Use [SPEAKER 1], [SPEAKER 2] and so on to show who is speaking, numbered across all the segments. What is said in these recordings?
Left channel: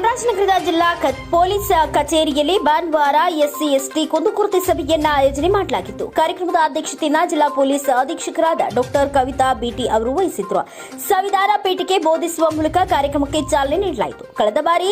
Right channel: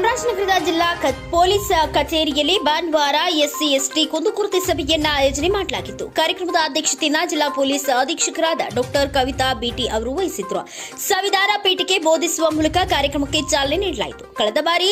[SPEAKER 1] ಚಾಮರಾಜನಗರದ ಜಿಲ್ಲಾ ಪೊಲೀಸ್ ಕಚೇರಿಯಲ್ಲಿ ಭಾನುವಾರ ಎಸ್ಸಿ, ಎಸ್ಟಿ ಕುಂದುಕೊರತೆ ಸಭೆಯನ್ನ ಆಯೋಜನೆ ಮಾಡಲಾಗಿತ್ತು. ಕಾರ್ಯಕ್ರಮದ ಅಧ್ಯಕ್ಷತೆಯನ್ನ ಜಿಲ್ಲಾ ಪೊಲೀಸ್ ಅಧೀಕ್ಷಕರಾದ ಡಾಕ್ಟರ್ ಕವಿತಾ ಬಿಟಿ ಅವರು ವಹಿಸಿದ್ರು. ಸಂವಿಧಾನ ಪೀಠಕ್ಕೆ ಬೋಧಿಸುವ ಮೂಲಕ ಕಾರ್ಯಕ್ರಮಕ್ಕೆ ಚಾಲನೆ ನೀಡಲಾಯಿತು. ಕಳೆದ ಬಾರಿ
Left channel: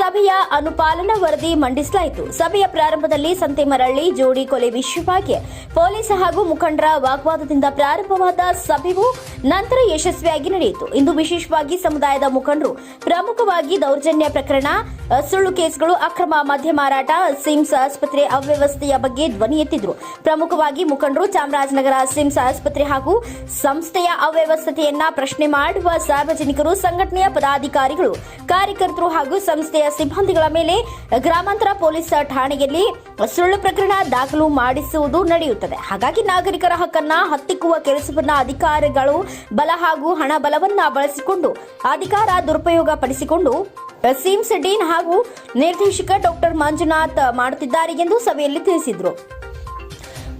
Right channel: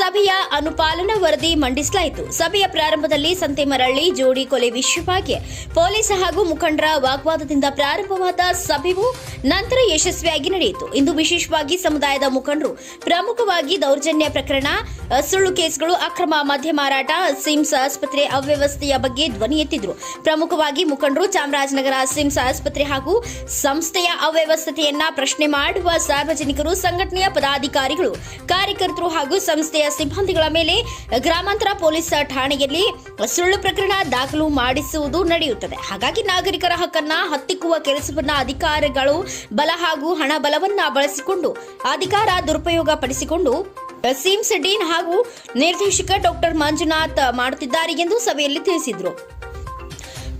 [SPEAKER 1] ಸಭೆಯ ಅನುಪಾಲನಾ ವರದಿ ಮಂಡಿಸಲಾಯಿತು. ಸಭೆಯ ಪ್ರಾರಂಭದಲ್ಲಿ ಸಂತೆಮರಳ್ಳಿ, ಜೋಡಿ ಕೊಲೆ ವಿಷಯವಾಗಿ ಪೊಲೀಸ್ ಹಾಗೂ ಮುಖಂಡರ ವಾಗ್ವಾದದಿಂದ ಪ್ರಾರಂಭವಾದ ಸಭೆಯು ನಂತರ ಯಶಸ್ವಿಯಾಗಿ ನಡೆಯಿತು. ಇಂದು ವಿಶೇಷವಾಗಿ ಸಮುದಾಯದ ಮುಖಂಡರು ಪ್ರಮುಖವಾಗಿ ದೌರ್ಜನ್ಯ ಅ, ಸುಳ್ಳು ಕೇಸ್ಗಳು ಅಕ್ರಮ ಮದ್ಯ ಮಾರಾಟ ಸಿಮ್ಸ್ ಆಸ್ಪತ್ರೆ ಅವ್ಯವಸ್ಥೆಯ ಬಗ್ಗೆ ಧ್ವನಿ ಎತ್ತಿದ್ರು. ಪ್ರಮುಖವಾಗಿ ಮುಖಂಡರು ಚಾಮರಾಜನಗರ ಸಿಮ್ಸ್ ಆಸ್ಪತ್ರೆ ಹಾಗೂ ಸಂಸ್ಥೆಯ ಅವ್ಯವಸ್ಥತೆಯನ್ನ ಪ್ರಶ್ನೆ ಮಾಡುವ ಸಾರ್ವಜನಿಕರು ಸಂಘಟನೆಯ ಪದಾಧಿಕಾರಿಗಳು ಕಾರ್ಯಕರ್ತರು ಹಾಗೂ ಸಂಸ್ಥೆಯ ಸಿಬ್ಬಂದಿಗಳ ಮೇಲೆ ಗ್ರಾಮಾಂತರ ಪೊಲೀಸ್ ಠಾಣೆಯಲ್ಲಿ ಸುಳ್ಳು ಪ್ರಕರಣ ದಾಖಲು ಮಾಡಿಸುವುದು ನಡೆಯುತ್ತದೆ. ಹಾಗಾಗಿ ನಾಗರಿಕರ ಹಕ್ಕನ್ನ ಹತ್ತಿಕ್ಕುವ ಕೆಲಸವನ್ನ ಅಧಿಕಾರಿಗಳು ಬಲ ಹಾಗೂ ಹಣ ಬಲವನ್ನ ಬಳಸಿಕೊಂಡು ಅಧಿಕಾರ ದುರುಪಯೋಗ ಪಡಿಸಿಕೊಂಡು ಸಿಮ್ಸ್ ಸಿಡೀನ್ ಹಾಗೂ ನಿರ್ದೇಶಕ ಡಾಕ್ಟರ್ ಮಂಜುನಾಥ್ ಮಾಡುತ್ತಿದ್ದಾರೆ ಎಂದು ಸಭೆಯಲ್ಲಿ ತಿಳಿಸಿದರು.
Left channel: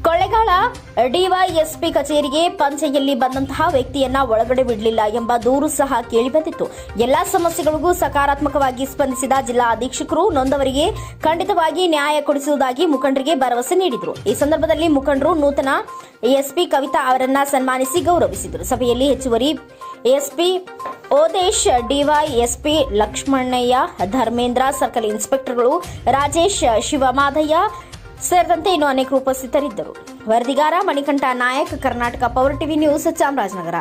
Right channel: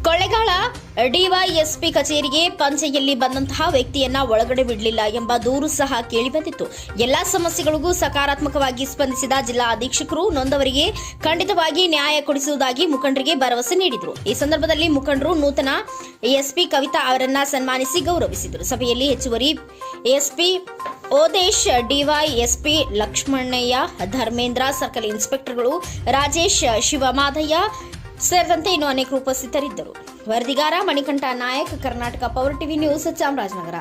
[SPEAKER 1] ಕೊಳ್ಳೆಗಾಲ ಡಿವೈಎಸ್ಪಿ ಕಚೇರಿಗೆ ಪಂಚೆಯಲ್ಲಿ ಬಂದಂತಹ ವ್ಯಕ್ತಿಯನ್ನ ಒಳಗಡೆ ಬಿಡಲಿಲ್ಲ ಎಂಬ ದೂರು ಸಹ ಕೇಳಿಬಂದಿತ್ತು ಎಲ್ಲಾ ಸಮಸ್ಯೆಗಳಿಗೂ ಸಕಾರಾತ್ಮಕವಾಗಿ ಸ್ಪಂದಿಸಿದ ಜಿಲ್ಲಾ ಅಧೀಕ್ಷಕರು ನೊಂದವರಿಗೆ ಖಂಡಿತವಾಗಿ ನ್ಯಾಯ ಕೊಡಿಸುವುದಾಗಿ ಮುಖಂಡರಿಗೆ ಭರವಸೆ ನೀಡಿದರು. ಈ ಸಂದರ್ಭದಲ್ಲಿ ಮುಖಂಡರು ನೂತನ ಎಸ್ಪಿ ಕವಿತಾ ಅವರನ್ನ ಸನ್ಮಾನಿಸಿ ಗೌರವಿಸಿದರು. ಸಭೆಯಲ್ಲಿ ಹೆಚ್ಚುವರಿ SP Odesh, DYSP Lakshmanaiah, Dharmendra, circle ಇನ್ಸ್ಪೆಕ್ಟರ್ಗಳು Rajesh, ಶಿವಮಾಧಯ್ಯ ಸೇರಿದಂತೆ ಇನ್ನು ಅನೇಕರು ಉಪಸ್ಥಿತರಿದ್ದರು ವರದಿಗಾರ Manikantha Nayak Karnataka power TV news Chamarajanagar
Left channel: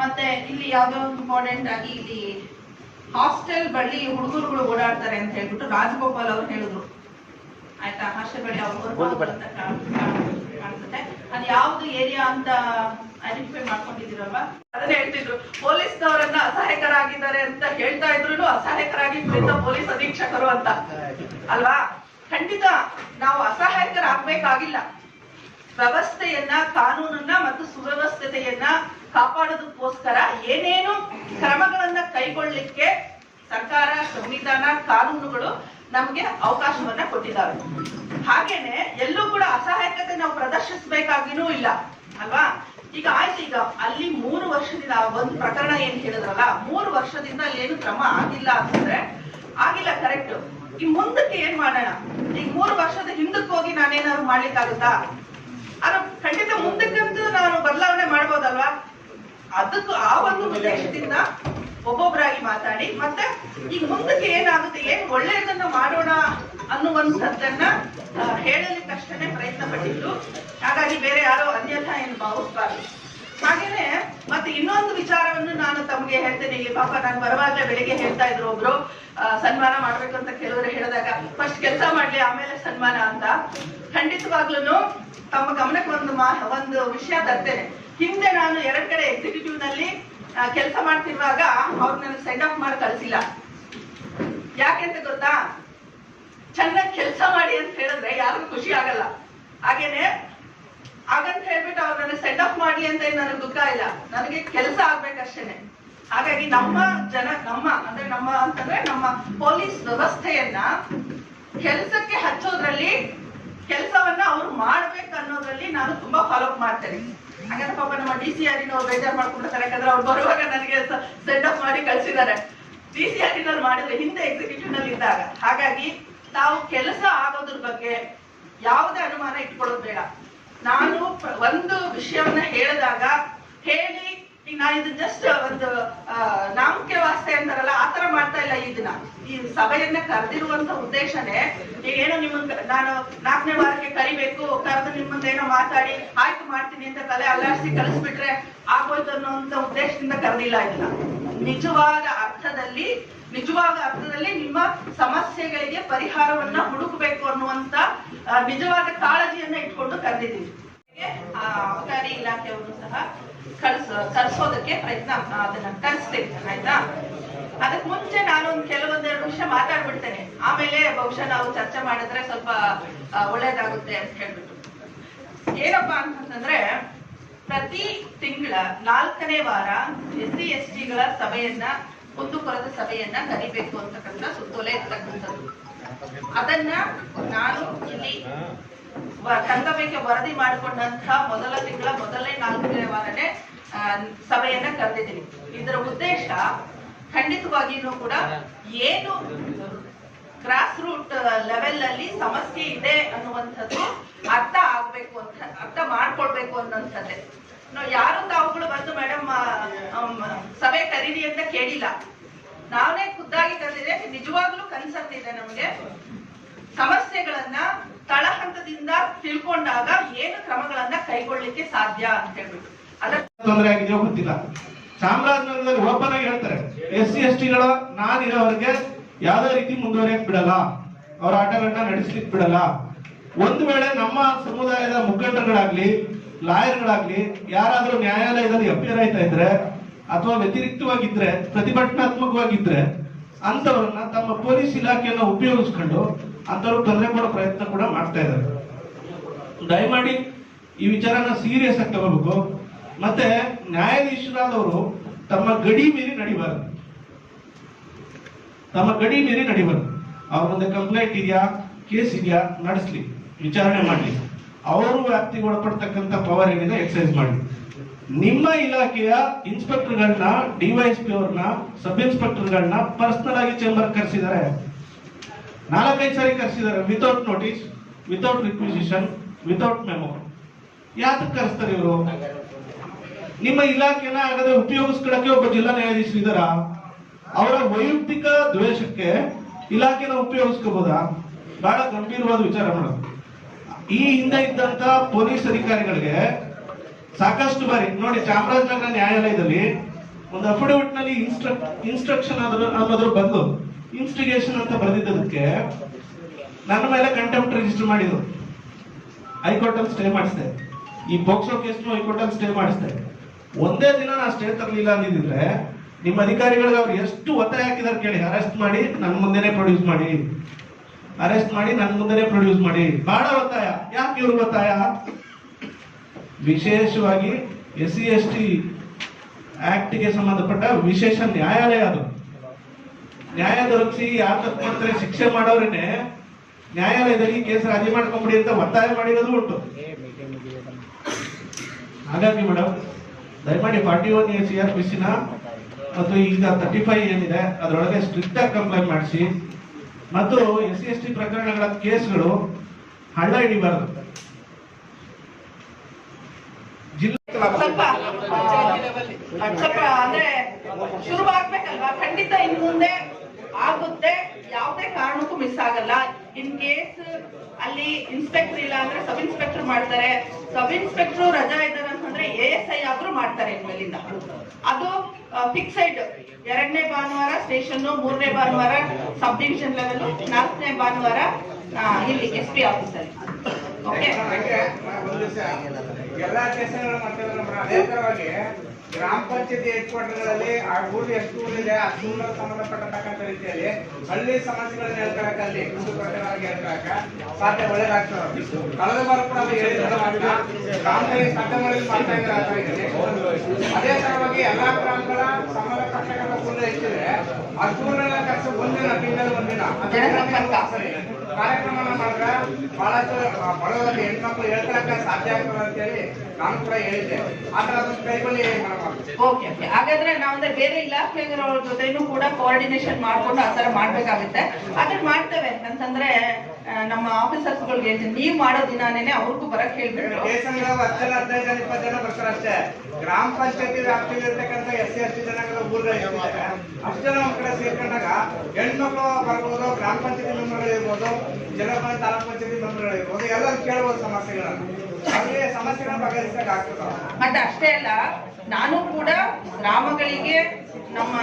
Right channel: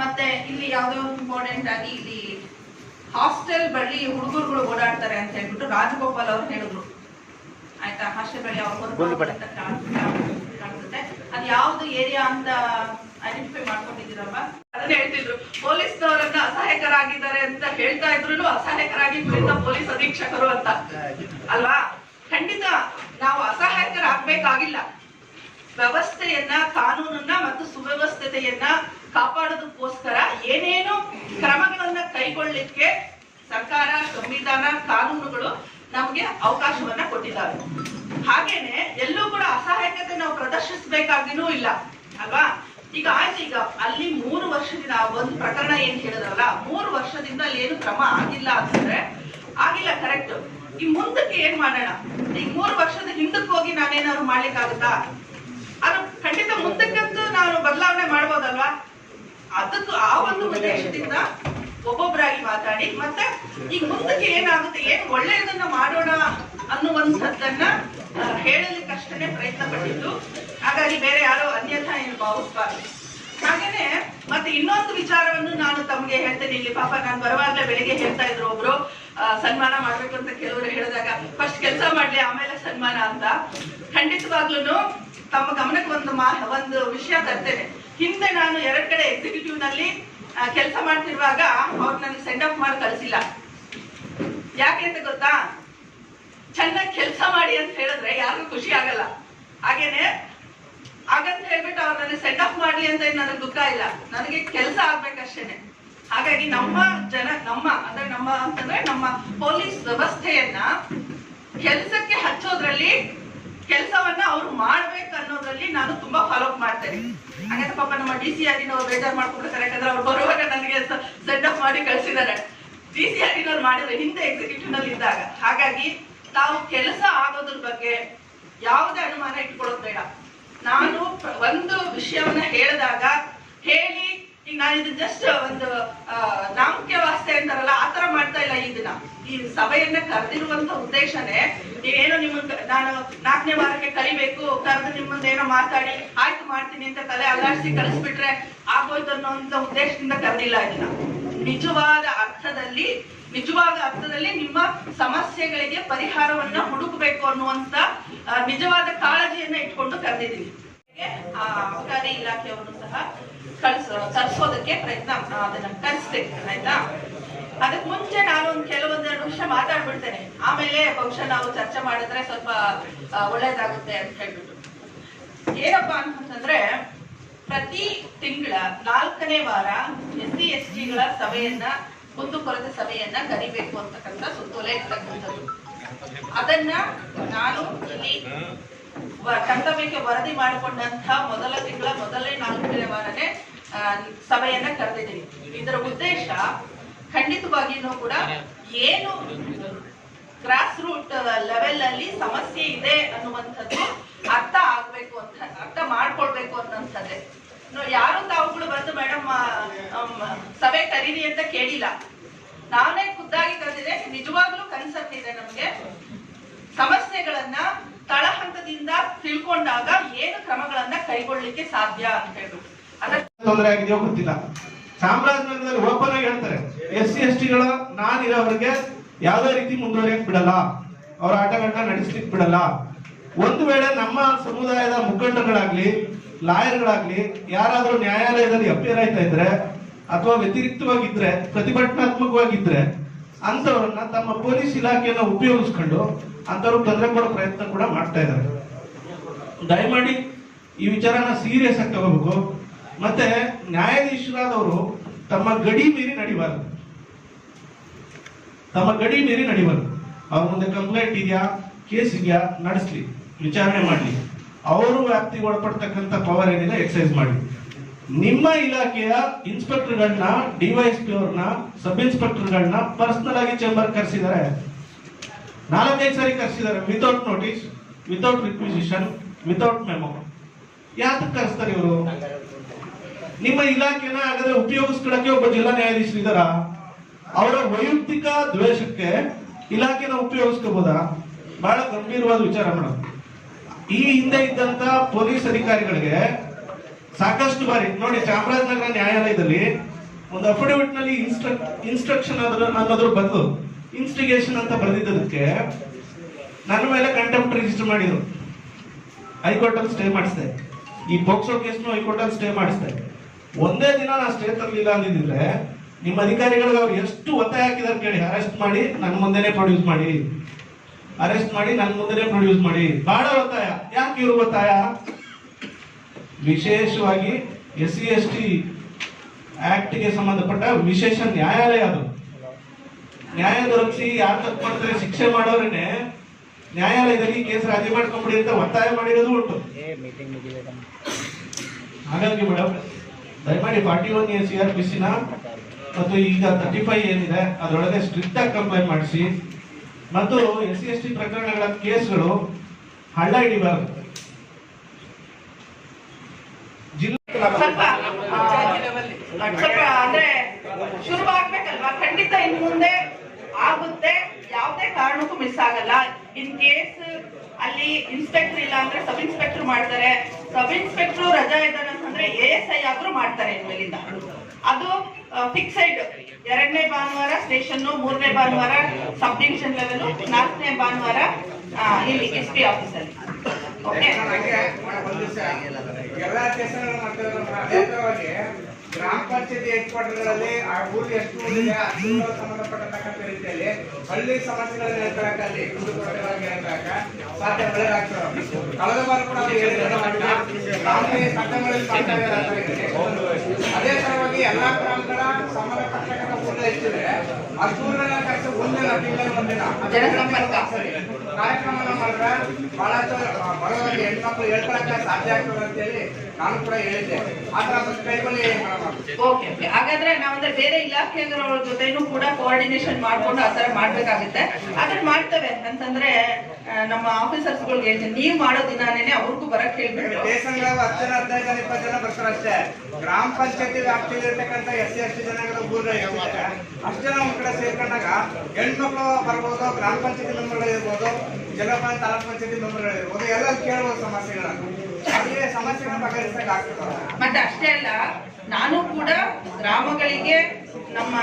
[SPEAKER 2] ಮತ್ತೆ ಇಲ್ಲಿ ಯಾವ್ದೋ ಇಂಪಾರ್ಟೆಂಟ್ ಆಗಿ ಇಲ್ಲಿ ಹಾಸ್ಟೆಲ್ ಬಳಿ ಹುಡುಗರುಗಳು ಓಡಾಡ್ತಾರೆ ಅಂತ ಹೇಳ್ಬಿಟ್ಟು ರಾಜಗೋಪಾಲ್ ಅವರು ಹೇಳಿದ್ರು ಆಯ್ತಾ ಹಾಸ್ಟೆಲ್ ಬಳಿ ಅವ್ರು ಅಂತ ಕಾಣ್- ಕಾಣ್- ಅದು ಯಾವ್ದು ಏರಿಯಾ ಅಂತ ಐಡೆಂಟಿಫೈ ಮಾಡ್ಕೊಂಡಿದ್ದೀರಲ್ವ? ಅದನ್ನ ಹೇಳ್ತಿದ್ರು ಪೊಲೀಸ್ನವರನ್ನ ಅಸಹಾಯಕರಾಗಿದ್ದಾರೆ ಅಂತ ಹೇಳ್ತಾ ಇದ್ರು ಅಸಹಾಯಕರಾಗಿ ಕುಳಿತ ಪೊಲೀಸ್ ಅಧೀಕ್ಷಕರು ಅಂತ. ಅಲ್ವಾ? ಖಂಡಿತ ನಾವು ಅಸಹಾಯಕರಾಗ್ಬೇಕಾಗಿಲ್ಲ. ವ್ಯವಸ್ಥೆಯನ್ನ ಕಾನೂನನ್ನ ಮತ್ತು ಸುವ್ಯವಸ್ಥತೆಯನ್ನ ಕಾಪಾಡೋದಕ್ಕೋಸ್ಕರ ಏನೇನು ಕ್ರಮಗಳನ್ನ ಕೈಗೊಳ್ಳಲಿಕ್ಕೆ ಸರ್ಕಾರ ಸಂವಿಧಾನ ಕಾನೂನುಗಳು ನಮಗೆ ಅವಕಾಶವನ್ನ ಕೊಟ್ಟಿದ್ದಾರೆ ಹಾಗೇನೆ ಎಲ್ಲೂ ಕೂಡ ಅಸಹಾಯಕತೆ ನಾವು ಪ್ರದರ್ಶಿಸಬೇಕಾಗಿನೂ ಇಲ್ಲ. ಅಲ್ವಾ? ಈಗ ಆಯ್ತು ಈಗ ಅಲ್ಲಿ ಮೂರು ವರ್ಷದಿಂದ ಒಂದು ಪ್ರಕರಣ ಏನ್ ಹೇಳಿದ್ರಲ್ಲ ಮೂರು ವರ್ಷದಿಂದ ಅಲ್ಲಿ ಏನು ಕ್ರಮ ಆಗಿಲ್ಲ ಅಂತಂದ್ರೆ ಆಗಿಲ್ಲ ಕರೆಕ್ಟ್ ಈ ಮುಂದಕ್ಕೆ ಏನ್ ಮಾಡೋಣ? ಈಗ ಮೂರು ವರ್ಷದ ಹಿಂದಕ್ಕೆ ಹೋಗಿ ನಾನೇನಾದ್ರು ಮಾಡ್ಲಿಕ್ಕಾಗುತ್ತಾ? ಅದು ಖಂಡಿತ ಮುಂದಕ್ಕಂತೂ ನಾನು ಬದಲಾವಣೆ ಮಾಡ್ಬೋದಲ್ವಾ? ಅದಕ್ಕೂ ಆ ಒಂದು ಉದ್ದೇಶದಿಂದ ಒಬ್ಬೊಬ್ಬರಾಗಿ ಮಾತಾಡಿ ಮತ್ತೆ ಈಗ ಮುಂದಕ್ಕೆ ಏನಾಗುತ್ತೆ ಏನ್ ಒಳ್ಳೆಯದನ್ನ ಮಾಡೋಣ ಆ, ಹೇಳಲಿಕ್ಕಷ್ಟೇ ಪ್ರಯತ್ನ ಪಟ್ಟಿದ್ದು ಹಾಗಾಗಿ ಬೇರೆ ಯಾರೋ ಅನ್ಯಥಾ ಏನು ಭಾವಿಸ್ಬಾರ್ದು. ಹಾಗೇನೆ ಮತ್ತೆ ಇನ್ನೊಂದು ವಿಚಾರವನ್ನು ನಾನು ತಮಗೆ ಹೇಳ್ತೇನೆ. ಇಲ್ಲಿ ಪಾಪ ನಾನು ಬರುವಾಗಲೇ ಬೆಳಿಗ್ಗೆ ಹೇಳ್ತಾ ಇದ್ರು ಒಬ್ರು. ಸನ್ಮಾನ ಮಾಡ್ಬೇಕು ಅಂತ ಕೆಲವರು ಹೇಳಿದಾಗ, ಫಸ್ಟ್ ಕೆಲಸ ಮಾಡ್ಲಿ, ಆಮೇಲೆ ಸನ್ಮಾನ ಅಂತ. ಖಂಡಿತವಾಗ್ಲೂ ತಮ್ಮ ಗಮನಕ್ಕೆ ಒಂದು ಒಂದು ವಿಷಯ ತರ್ತೇನೆ. ಹಿಂದೆ ನಾನು ಎರಡ್ ಕಡೆ ಎಕ್ಸಿಕ್ಯೂಟಿವ್ನಲ್ಲಿ ಕೆಲಸ ಮಾಡ್ತಿರುವಾಗ ಅವ್ರು ನನಗೆ ಸೆಂಡ್ ಆಫ್ ಮಾಡಿ ಕಳಿಸಿಲ್ಲ. ಯಾಕೆ ಅಂತ ಗೊತ್ತಾ? ಚೆನ್ನಾಗಿ ಕೆಲಸ ಮಾಡಿ ಅಂತ ಹೇಳಿದ್ರೆ ಯಾರಿಗೂ ಖುಷಿ ಆಗಲ್ಲ. ಹಾಗೇನೆ ಹಾಗಂತ ಹೇಳ್ಬಿಟ್ಟು ಅವ್ರು ನನಗೆ ಸೆಟ್ ಅಪ್ ಮಾಡ್ಲಿ ಅಂತ ನನಗೆ ದುಃಖ ಇಲ್ಲ. ನನಗೆ ಕೆಲಸ ಆಗ್ಬೇಕಷ್ಟೇನೆ. ಹಾಗಾಗಿ ನಮ್ಮ ಜನ, ನಮ್ಮ ಅಂದ್ರೆ ನಮ್ಮ ಅಂತಂದ್ರೆ ನಮ್ಮ ಪೊಲೀಸ್ ವ್ಯವಸ್ಥೆಯನ್ನ ಕೆಲಸಕ್ಕೆ ಹಚ್ಚೋದ್ರಲ್ಲಿ ಕೆಲಸವನ್ನ ಅವ್ರು ಮಾಡ್ಬೇಕು ಅನ್ನೋದ್ರಲ್ಲಿ ನಾನು ತುಂಬಾ ಫಾಲೋ ಅಪ್ ಮಾಡ್ತೇನೆ. ಹಾಗಂದ್ರೆ ಪಾಪ ನಮ್ಮ ಡಿ ಸಿ ಆರಿನವ್ರು ಬೇಜಾರ್ ಮಾಡ್ಕೊಂಡಿರ್ತಾರೆ ಯಾಕಂದ್ರೆ ಅವ್ರು ಬರುವಾಗ ನನಗೆ ಸೆಟ್ ಅಪ್ ಮಾಡಿ ಕಳ್ಸಿದ್ದಾರೆ. ಡಿ ಸಿ ಆರಿನವ್ರು ಮಾಡಿದ್ರೆ ಹಿಂದೆ ಎಕ್ಸಿಕ್ಯೂಟಿವ್ನಲ್ಲಿ ಇದ್ದಾಗ ಹಾಗಾಗಿ ತಾವು ಕೆಲಸ ಆಗೋದ್ರ ಬಗ್ಗೆ ಯಾವುದೇ ಅನುಮಾನ ಇಟ್ಕೊಳ್ಳೋದು ಬೇಡ. ನಾನು ಒಂದು ವಿಷಯವನ್ನ ಹೇಳಿದಾಗ ಹೇಳಿ, ಈಗ ನಾನು ಇದು ಜಸ್ಟ್ ಒಂದು ನಾಮಕ್ಯ ನಾಮಕೆ ವಾಸ್ತೆ ಅಂತಾರಲ್ಲ ಆತರ ಮಾಡ್ತಾ ಇಲ್ಲ ಈ ದಿನ. ಈ ಸಭೆಯನ್ನ ಕರೆದಿರುವಂತ ಉದ್ದೇಶನೇ ನೀವೇನೋ ನಿಮ್ಮನ್ನ ನಾನು ನಾಲ್ಕನೇ ವಾರಕ್ಕೆ ಕರಿಬೇಕು, ಕರೆದು ನಿಮ್ಮಂದ ಏನೋ ಮಾತಾಡಿ, ಆಯ್ತು ಮಾಡ್ತೀನಿ ಅಂತ ತಲೆ ಅಲ್ಲಾಡಿಸಿ ಕಳಿಸ್ಬಿಟ್ರೆ ಆಗೋಯ್ತು ಅನ್ನೋ ಉದ್ದೇಶದಿಂದ ಕರೆದಿಲ್ಲ ಇದನ್ನ ನಿಜವಾದ ಅರ್ಥದಲ್ಲಿ ನಿಜವಾದ ಅರ್ಥದಲ್ಲಿ ನಿಮ್ಮ ಸಮಸ್ಯೆಗಳಿಗೆ ಪರಿಹಾರವನ್ನ ಹುಡುಕಬೇಕು ಅನ್ನುವಂತ ನಿಜವಾದ ಕಾಳಜಿಯನ್ನ ಇಟ್ಕೊಂಡು ಕರೆದಿದ್ದೀನಿ ಅಬಕಾರಿ ಇಲಾಖೆಯವರು ಸಹ ಕಳ್ಸ ಕಳ್ಸೋದಕ್ಕೆ ಪ್ರಯತ್ನ ಅದನ್ನ ಕಳಿಸ್ತೇನೆ ಆಯ್ತಾ? ಅದಕ್ಕೆ ಮುಂಚೆ ನಾನು ಒಂದು ಕೆಲವೊಂದೆರಡು ವಿಷಯ ಮಾತಾಡ್ಬಿಡ್ತೇನೆ. ಆಮೇಲೆ ಬಹುಶಃ ನಾವು ಚರ್ಚೆ ಮಾಡಿದ್ರೆ ಸ್ವಲ್ಪ ಒಳ್ಳೇದಾಗುತ್ತೆ ಅಂತ ಹೇಳ್ಬಿಟ್ಟು. ಏನಪ್ಪಾ ಅಂತಂದ್ರೆ, ಪ್ರತಿ ತಿಂಗಳ ನಾಲ್ಕನೇ ವಾರ ಎಸ್ ಸಿ ಎಸ್ ಟಿಗಳ ಸಭೆಯನ್ನ ಕುಂದುಕೊರತೆ ಸಭೆಯನ್ನ ಕರಿಬೇಕು ಅಂತಕ್ಕಂಥ ಸುತ್ತೋಲೆ ಇರ್ತಕ್ಕಂಥದ್ದು. ಅದನ್ನ ನಾನು ಇಲ್ಲಿ ಕರ್ತವ್ಯಕ್ಕೆ ವರದಿ ಮಾಡಿಕೊಂಡಂತಹ ಮೊದಲ ತಿಂಗಳ ಮೊದಲನೇ ನಾಲ್ಕನೇ ವಾರನೇ ಸಭೆಯನ್ನ ಕರೆದಿದ್ದೀವಿ. ಇದರ ಉದ್ದೇಶ ಖಂಡಿತವಾಗಿಯೂ ಕೂಡ ಏನು ಗ್ರಾಸ್ ರೂಟ್ ಲೆವೆಲ್ ಅಲ್ಲಿ ಸಮಸ್ಯೆ ಇದೆ ಅನ್ನುವಂಥದ್ದು ಅರ್ಥ ಆಗ್ಬೇಕು ಅಂತ, ಅರ್ಥ ಮಾಡ್ಕೊಳ್ಬೇಕು ಅನ್ನೋಂಥದ್ದೇ ಯಾರು ತಾವುಗಳು ಬಂದು ಮೇಡಮ್ ಸಭೆ ಕರೀರಿ ಅಂತ ಕೇಳಿಲ್ಲ. ನಾವೇ ಖುದ್ದಾಗಿ ಕರೆದಿದೆ ನಿಜವಾಗ್ಲೂ ಕನ್ಸತ್ತಿದೆ ನಮ್ಗೆ. ಸಮಸ್ಯೆಗಳನ್ನ ತಳಹಂತದಿಂದ ತಿಳ್ಕೊಂಡಾಗ ಏನು ಕ್ರಮಗಳನ್ನ ಕೈಗೊಳ್ಳಿಕ್ಕೆ ಸಾಧ್ಯ ಅಂತ ಹೇಳ್ಬಿಟ್ಟು.
[SPEAKER 3] ತೊಂದರೆ ಆಗಿದೆಯೋ ಗೊತ್ತಿಲ್ಲ. ಚಾಮರಾಜನಗರದಲ್ಲಿ ಓಪನ್ ಆಗಿ ಹೇಳ್ತಾರೆ ಎಸ್ ಸಿ ಎಸ್ ಟಿಗಳ ನಾನಿರೋರಿಗೆ ಯಾವುದೇ ರೀತಿ ಮುಂದುವರಿಯಕ್ ಬಿಡಲ್ಲ. ಅವರ ಆಟಗಳನ್ನ ನಡೆಸ್ಲಿಕ್ಕೆ ಬಿಡಲ್ಲ. ಒಂದು ವೇಳೆ ನಮ್ಮ ಸಮುದಾಯದ ಮುಖಂಡರುಗಳಾಗ್ಲಿ ಲಾಯರ್ಗಳಾಗ್ಲಿ, ಯಾರಾದ್ರೂ ನ್ಯಾಯಾಲಯದಲ್ಲಿ ಅಪಿಯರ್ ಆಯ್ತಾ ಇದ್ರೆ, ಅಥವಾ ವ್ಯತಿರಿಕ್ತವಾಗಿದ್ರೆ, ಪ್ರತಿಭಟನಾತ್ಮಕವಾಗಿದ್ರೆ ಅಂತವರನ್ನ ತಮ್ಮ ಪೊಲೀಸ್ ಇಲಾಖೆಯನ್ನ ಉಪಯೋಗಿಸ್ಕೊಂಡು ಅಂತವ್ರು ತೊಂದರೆ ಕೊಡೋ ಪ್ರಯತ್ನ ಕೂಡ ಮಾಡ್ತಾ ಇದ್ದಾರೆ. ದಯಮಾಡಿ ಈ ವಿಚಾರನ ಸೀರಿಯಸ್ ಆಗಿ ತಗೋಬೇಕು. ಮತ್ತೆ ನ್ಯಾಯಾಧೀಶರಾದವರು ತಮ್ಮ ಗಡಿ ಮೀರಿ ನಡಿಬಾರ್ದು. ತಮ್ಮ ಗಡಿ ಮೀರಿ ನಡಿಬಾರ್ದು. ಅವ್ರ ಮುಂದೆ ಕಂಪ್ಲೇಂಟ್ ಇದೆಯಾ ಕೇಸ್ ಇದೆಯಾ, ನಡೆಸ್ಲಿ. ವಿಚಾರಣೆ ಮಾಡ್ಲಿ. ಅವರು ವ್ಯಾಪ್ತಿಗೆ ಒಳಪಡ್ತಕ್ಕಂಥ ಪವರ್ ಏನಿದೆ ಎಕ್ಸೈಸ್ ಮಾಡಿ. ನಿಮ್ಮ ಇಲಾಖೆಯ ಇನ್ಸ್ಪೆಕ್ಟರ್ಗಳನ್ನ ಡಿವೈಎಸ್ಪಿ ಅವ್ರನ್ನ ಸಬ್ ಇನ್ಸ್ಪೆಕ್ಟರ್ಗಳನ್ನ ಪರ್ಸನಲ್ ಆಗಿ ಚೇಂಬರ್ ಕರೆಸಿದ್ದಾರೆ ನಾಲ್ಕೈದು ಸಾರಿ ಕರೆಸಿದ್ದಾರೆ without notice without requisition without memo ಯಾತಕ್ಕೆ ಕರೆಸ್ತಾರೆ ಇವರು? ನಿಮ್ಮ ಇಲಾಖೆನ ಹಾಗಾದ್ರೆ ಉಪಯೋಗಿಸ್ಕೊಳಕ್ಕೆ ಒಬ್ಬ ಜಿಲ್ಲಾ ನ್ಯಾಯಾಧೀಶರು ಇದಾರ? ಅವರ ವೈಯಕ್ತಿಕ ದ್ವೇಷಕ್ಕೆ ಇಲಾಖೆನ ಉಪಯೋಗಿಸ್ಕೋಬೋದಾ? ಬಹಳ ಗಂಭೀರವಾದ ವಿಚಾರ ಮೇಡಮ್ ಈ ಹಿಂದೆ ಇದ್ದಂತ ಪೊಲೀಸ್ ಅಧಿಕಾರಿಗಳಿಗೆ ಸಾಕಷ್ಟು ಬಾರಿ, ನೋಡಿ ಚಾಮರಾಜನಗರ ನ್ಯಾಯಾಲಯದಲ್ಲಿ ಒಂದು ಅಫಿಡವಿಟ್ನಲ್ಲಿ ಇನ್ಸ್ಟ್ರಕ್ ಇನ್ಸ್ಟ್ರಕ್ಷನ್ ಅನ್ನೋದ್ರ ಬಂದು ಇನ್ಸ್ಟಿಗೇಷನ್ ಅಂತ ಬರೆದಿದ್ದಕ್ಕೆ ನನ್ನ ಮೇಲೆ ಕಂಟೆಂಪ್ಟ್ ರಿಜಿಸ್ಟರ್ ಮಾಡಿದ್ರು. ಹೈಕೋರ್ಟ್ ಅಲ್ಲಿ ಸ್ಟೇ ಮಾಡಿಸಿದೆ. ಈ ಪೋಕ್ಸೋ ಕೇಸ್ನು ಹೈಕೋರ್ಟ್ ಅಲ್ಲಿ ಸ್ಟೇ ಮಾಡಿಸಿದೆ. ಒಂದೇ ದಿನ ನಾನು ಸ್ಟೇ ತರಲಿಲ್ಲ ಅಂದಿದ್ರೆ ನಿಮ್ಮ ಅಧಿಕಾರಿಗಳಿಗೆ ಅವ್ರು ಎಷ್ಟು ಒತ್ತಾಯ ಹಾಕಿದಾರೆ ಕೇಳಿ ಅರೆಸ್ಟ್ ಮಾಡಿ ನನ್ನ ಮುಂದೆನೆ ಪ್ರೊಡ್ಯೂಸ್ ಮಾಡಿ. ಅರೆಸ್ಟ್ ಮಾಡಿ ನನ್ನ ಮುಂದೆ ಪ್ರೊಡ್ಯೂಸ್ ಮಾಡಿ. ಬಹಳ ಒತ್ತಾಯ ಯಾಕೆ ಇವರು ಒತ್ತಾಯ ವಿಶೇಷವಾಗಿ ಎಸ್ ಸಿ ಎಸ್ ಟಿ ಆಕ್ಟ್ಗೆ ಸಂಬಂಧಪಟ್ಟ ವಿಶೇಷ ನ್ಯಾಯಾಲಯ ಅದು. ನ್ಯಾಯ ದೊರಕಿಸಿ ಯಾರು ತಪ್ಪು ಮಾಡ್ತಾರೆ ಶಿಕ್ಷೆ ಮಾಡೋರೇನೆ ನ್ಯಾಯಾಲಯದಲ್ಲಿ ಕೇಸ್ ರಾಜಿ ಮಾಡ್ಕೊಂಬಿಡಿ ಅಂತ ಒತ್ತಾಯ ಮಾಡಿರೋದು ಉಂಟು. ಹಾಗಾಗಿ ಮೇಡಮ್ ದಯಮಾಡಿ forty one A C R ಬಿಸಿನ ಮತ್ತು ಈಗ ತರ್ಟಿ ಫೈವ್ ಏನಿದೆ ಅದರೊಳಗೆ ಸ್ಟ್ರಿಕ್ಟ್ ಆಗಿ ಕಂಪ್ಲೇಂಟ್ ಮಾಡಿಸಿ. ಮತ್ತು ಎಸ್ ಸಿ ಎಸ್ ಟಿ ಪ್ರಕರಣಗಳ ಕೇಸ್ಗಳು ಹಳ್ಳ ಹಿಡಿಬಾರದು.
[SPEAKER 2] ಖಂಡಿತ ಇನ್ ಮುಂದೆ ಆಗುತ್ತೆ. ಯಾವುದೇ ಕಾರಣಕ್ಕೂ ಮಿಸ್ ಆಗಲ್ಲ. ಇನ್ ಕೇಸ್ ಅಲ್ಲಿ ಇನ್ಸ್ಪೆಕ್ಟರ್ ಇಲ್ಲ ಅಂದ್ರೆ ಸಬ್ ಇನ್ಸ್ಪೆಕ್ಟರ್ ಮಾಡ್ತಾರೆ ಸಬ್ ಇನ್ಸ್ಪೆಕ್ಟರ್ ರಜಾ ಇದ್ದಾರೆ ಅಂತಂದ್ರೆ ಎ ಎಸ್ ಐ ಆದ್ರೂ ಮಾಡ್ತಾರೆ ಇನ್ಮೇಲಿಂದ. ಅದು ಫಿಕ್ಸೆಡ್ ಎರಡನೇ ಭಾನುವಾರ ಸ್ಟೇಷನ್ ಮೂರನೇ ಭಾನುವಾರ ಸಬ್ ಡಿವಿಷನ್ ಲೆವೆಲ್ ನಾಲ್ಕನೇ ಭಾನುವಾರ ಇಲ್ಲಿ ಎಸ್ ಪಿ ಆಫೀಸಲ್ಲಿ ಓಕೆ
[SPEAKER 4] ಗ್ರಾಮ ಪಂಚಾಯತಿ ಹೆಡ್ ಕ್ವಾರ್ಟರ್ಗಳಲ್ಲಿ ಆ ಊರಿಗೆ ಎಷ್ಟು ಇದೆ ಅಷ್ಟು ಸಂಬಂಧಪಟ್ಟತಕ್ಕಂಥ ರೀತಿಯಲ್ಲಿ ಹಳ್ಳಿ ಸಮಸ್ಯೆಗಳನ್ನ ಹೇಳ್ಕೊಳಕಲ್ಲಿ ಕುಂದುಕೊರತೆಗಳಾಗಿ ಹೇಳ್ಕೊಳಕ ಸಾಧ್ಯ ಒಳ್ಳೇದಾಗ್ತದೆ ಕಳೆದ ಬಾರ ಕೂಡ ಅದು ಹೇಳಿದ್ರೆ. ಅದೇ ತರವಾಗಿ ಎಲ್ಲಾ ಗ್ರಾಮಗಳ ಸಂಬಂಧಪಟ್ಟತಕ್ಕಂಥ ಊರ್ಗಳು ಎಷ್ಟಿದೆ ಅಷ್ಟು ಊರುಗಳನ್ನ ಕರೆಸಿ ಒಂದಿನ ತಿಂಗಳಲ್ಲಿ ಒಂದಿನ.
[SPEAKER 2] ಕಾರ್ಯಕ್ರಮ
[SPEAKER 4] ಕಾರ್ಯಕ್ರಮನ ಮಾಡಿದ್ರೆ ಬಹಳ ಬಡವರಿಗೆ ಹೆಣ್ಮಕ್ಳು ಹೇಳ್ಕೊಳಕ ಸಾಧ್ಯ ಆಗ್ತದೆ ಅಂತ ಹೇಳಿ ನಾನು ಕೂಡ ಹೇಳಿದ್ದೆ. ಆ ತರ ಸ್ವಲ್ಪ ಕೈಗೊಳ್ಳಿ
[SPEAKER 2] ಓಕೆ ಓಕೆ ಹಾಗಾದ್ರೆ ನಾವಂದ್ರೆ ಬೇರೆ ಇಲಾಖೆಗಳ ಜೊತೆನೂ ಕೂಡ ಕೋಆರ್ಡಿನೇಷನ್ ಮಾಡ್ಕೊಂಡು ಆ ತರ ಮಾಡ್ಬೇಕಾಗುತ್ತೆ. ಅದನ್ನ ಮಾಡ್ತೇವೆ ಅಂತಂದ್ರೆ ನಮ್ಮ ಆಫೀಸರ್ಸ್ ಗಳಿಗೆ ಹೇಳ್ತೀನಿ, ನೀವ್ ಮಾಡೋ ದಿನಾನೇನೆ ಅವ್ರಿಗೂ ಬರಕ್
[SPEAKER 4] ಜನ ಹದಿನೈದು ಜನ ಗ್ರಾಮ ಪಂಚಾಯತಿ ವ್ಯಾಪ್ತಿಯಲ್ಲಿ ಇರ್ತಕ್ಕಂಥ ಎಸ್ ಸಿ, ಎಸ್ ಟಿ ಜನಾಂಗದ ಊರ ಅಷ್ಟು ಒಂದ್ ಕಡೆ ಸೇರ್ಕೊಂಡಾಗ ಹೆಣ್ಮಕ್ಳು ಬರ್ಬೋದು, ಗ್ರಾಮ ಪಂಚಾಯತಿ ಮೆಂಬರ್ಗಳು ಇರ್ಬೋದು ಜಿಲ್ಲಾ ಪಂಚಾಯತ್ ತಾಲೂಕ್ ಪಂಚಾಯತಿ ಮೆಂಬರ್ಗಳು ಇರ್ಬೋದು ಎಲ್ಲ ಕೇಳ್ಬೋದು ಸಮಸ್ಯೆಗಳನ್ನು.
[SPEAKER 2] ಮತ್ತೆ ಅಷ್ಟೇ ಅಲ್ಲ, ನಾನು ಕೂಡ ಗ್ರಾಮಗಳಿಗೆ ನಮ್ಮ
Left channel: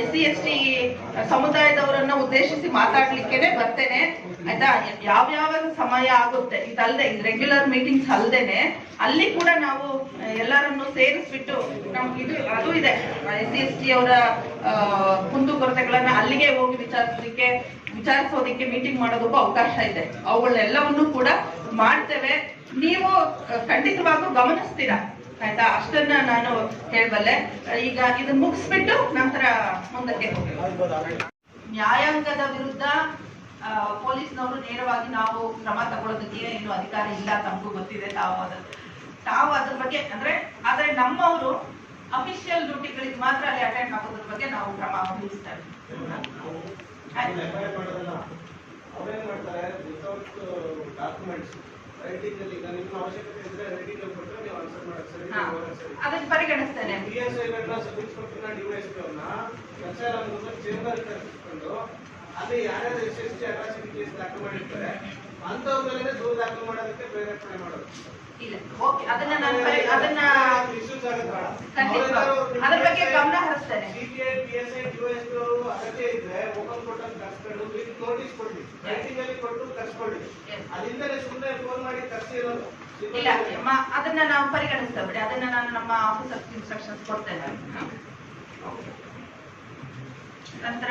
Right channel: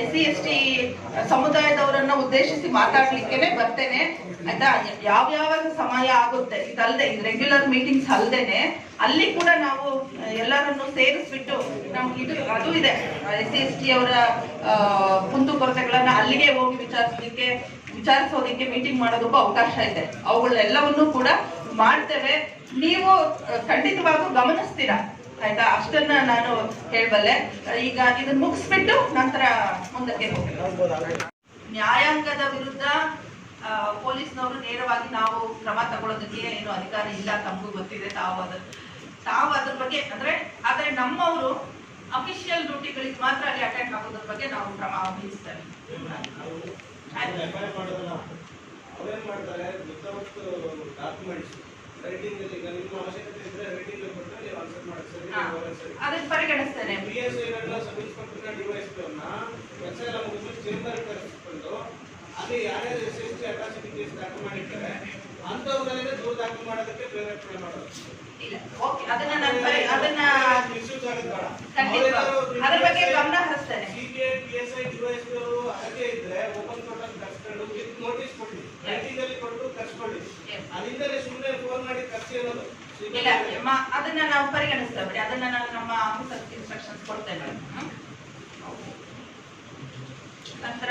[SPEAKER 2] ಎಸ್ ಸಿ, ಎಸ್ ಟಿ ಸಮುದಾಯದವರನ್ನ ಉದ್ದೇಶಿಸಿ ಮಾತಾಡ್ಲಿಕ್ಕೆನೆ ಬರ್ತೇನೆ. ಆಯ್ತಾ? ಯಾವ್ಯಾವ ಸಮಯ ಆಗುತ್ತೆ? ಇದಲ್ದೆ ರೆಗ್ಯುಲರ್ ಮೀಟಿಂಗ್ಸ್ ಅಲ್ದೇನೆ, ಅಲ್ಲಿ ಕೂಡ ನಾವು ಎಲ್ಲರನ್ನು ಸೇರಿಸ್ಬಿಟ್ಟು ನಮ್ ಇದು, ಅದು ಇದೆ. ಎಸ್ ಸಿ, ಎಸ್ ಟಿ ಅವರ ಕುಂದುಕೊರತೆಗಳನ್ನ ಅಲ್ಲಿಗೆ ಹೋಗಿ ವಿಚಾರಿಸಲಿಕ್ಕೆ, ವಿಚಾರಿಸೋದಿಕ್ಕೆ ಮೀಟಿಂಗ್ ಮಾಡೋದಕ್ಕೂ ಅವಕಾಶ ಇದೆ. ಅವುಗಳನ್ನೆಲ್ಲವನ್ನು ಕೂಡ ಮಾಡ್ತೇವೆ. ನೀವು ಖಂಡಿತವಾಗೂ ಗಮನಿಸ್ತೀರಾ? ಆಯ್ತಾ? ಅಷ್ಟನ್ನ ನಾನು ಹೇಳಬಲ್ಲೆ. ಈಗ ಇದನ್ನ ಮುಗಿಸ್ಬಿಟ್ಟು ನಂತರ ಮುಂದಕ್ಕೆ ಹೋಗ್ಬೇಕು. ನ್ಯಾಯಾಂಗದ ವಿರುದ್ಧ ಪೊಲೀಸ್ನವರು ನೇರವಾಗಿ ನಾವು ಕ್ರಮ ತಗೊಳ್ಳೋದಕ್ಕೆ ಏನು ಅಧಿಕಾರ ಇಲ್ಲ, ತಮಗೂ ಗೊತ್ತಿದೆ, ತಾವು ಅದ ತಾವು ಅದ್ರ ಬಗ್ಗೆ ಅಂದ್ರೆ, ಆದ್ರೆ ನಮ್ಮವರು ಅಫಿಷಿಯಲ್ ಡ್ಯೂಟಿಗಳಿಗೆ ಮಾತ್ರ ಅಲ್ಲಿ ಅಟೆಂಡ್ ಆಗೋದ್ರ ಬಗ್ಗೆ ನಾವು ಕ್ರಮ ವಹಿಸ್ತೇವೆ
[SPEAKER 3] ಮಾಡ್ತಾರೆ? ವಿತೌಟ್ ಡಾಕ್ಯುಮೆಂಟ್ಸ್ ರೈಟಿಂಗ್ ಈಗ ನಿಮ್ಮ ಅವಶ್ಯಕತೆ ಇದ್ರೆ ರೈಟಿಂಗ್ ಕೊಟ್ಟರೆ ನೀವು ಆನ್ಸರ್ ಮಾಡಕ್ಕೆ ಸರಿ ಸರಿ.
[SPEAKER 2] ಅದಕ್ಕೆ ಪರಿಗಣಿಸ್ತೇನೆ.
[SPEAKER 3] ಬಿ ಎಸ್ ಐ ಸಬ್ ಇನ್ಸ್ಪೆಕ್ಟರ್ನ ಮುಗಿದು ಚೇಂಬರ್ ಕರೆಸಿಕೊಂಡು ಅಲ್ಲಿ ಯಾರ್ಯಾರು S S T atrocity case ದಾಖಲು ಮಾಡಿರ್ತಾರೆ ಅಂಥವ್ರ ಮೇಲೆ ದೂರು ದಾಖಲು ಮಾಡೋದಕ್ಕೆ ಪ್ರೇರೇಪಣೆ ಮಾಡೋದು.
[SPEAKER 2] ಇಲ್ಲ. ಓಕೆ ಅದನ್ನ ನಾನು ಅದನ್ನ
[SPEAKER 3] ಇಶ್ಯೂಸ್ ಆಗುತ್ತೆ ಬೇಡ
[SPEAKER 2] ಖಂಡಿತ. ಅದ್ರ ಬಗ್ಗೆ ಗಮನ ಹರಿಸ್ತೇನೆ.
[SPEAKER 3] ಅವರು ಅದಕ್ಕೆ ಇದ್ರೆ ಓಪನ್ ಕೋರ್ಟ್ ಅಲ್ಲಿ ಕರ್ಸ್ಕೊಂಡು ವಿತ್ ನೋಟಿಸ್ ಕೊಡ್ಲಿ. ರೈಟಿಂಗ್ ಅಲ್ಲಿ ಕೊಟ್ಟು ಕರ್ಸ್ಕೊಳ್ಳಿ. ಅಲ್ಲಿಂದಲೇ ಸುಮ್ಮನೆ ಫೋನ್ ಮಾಡಿ ಕರ್ಸಿ
[SPEAKER 2] ಇಲ್ಲ ಮ- ಅದನ್ನ ನಾವು ಪರಿಗಣಿಸ್ತೇವೆ ಬಿಡಿ. ಅದನ್ನ ನಾನು ನಮ್ಮ ಆಫೀಸರ್ ಇನ್ಸ್ಟ್ರಕ್ಷನ್ಸ್ ಕೊಡ್ತೇವೆ? ನಂತರ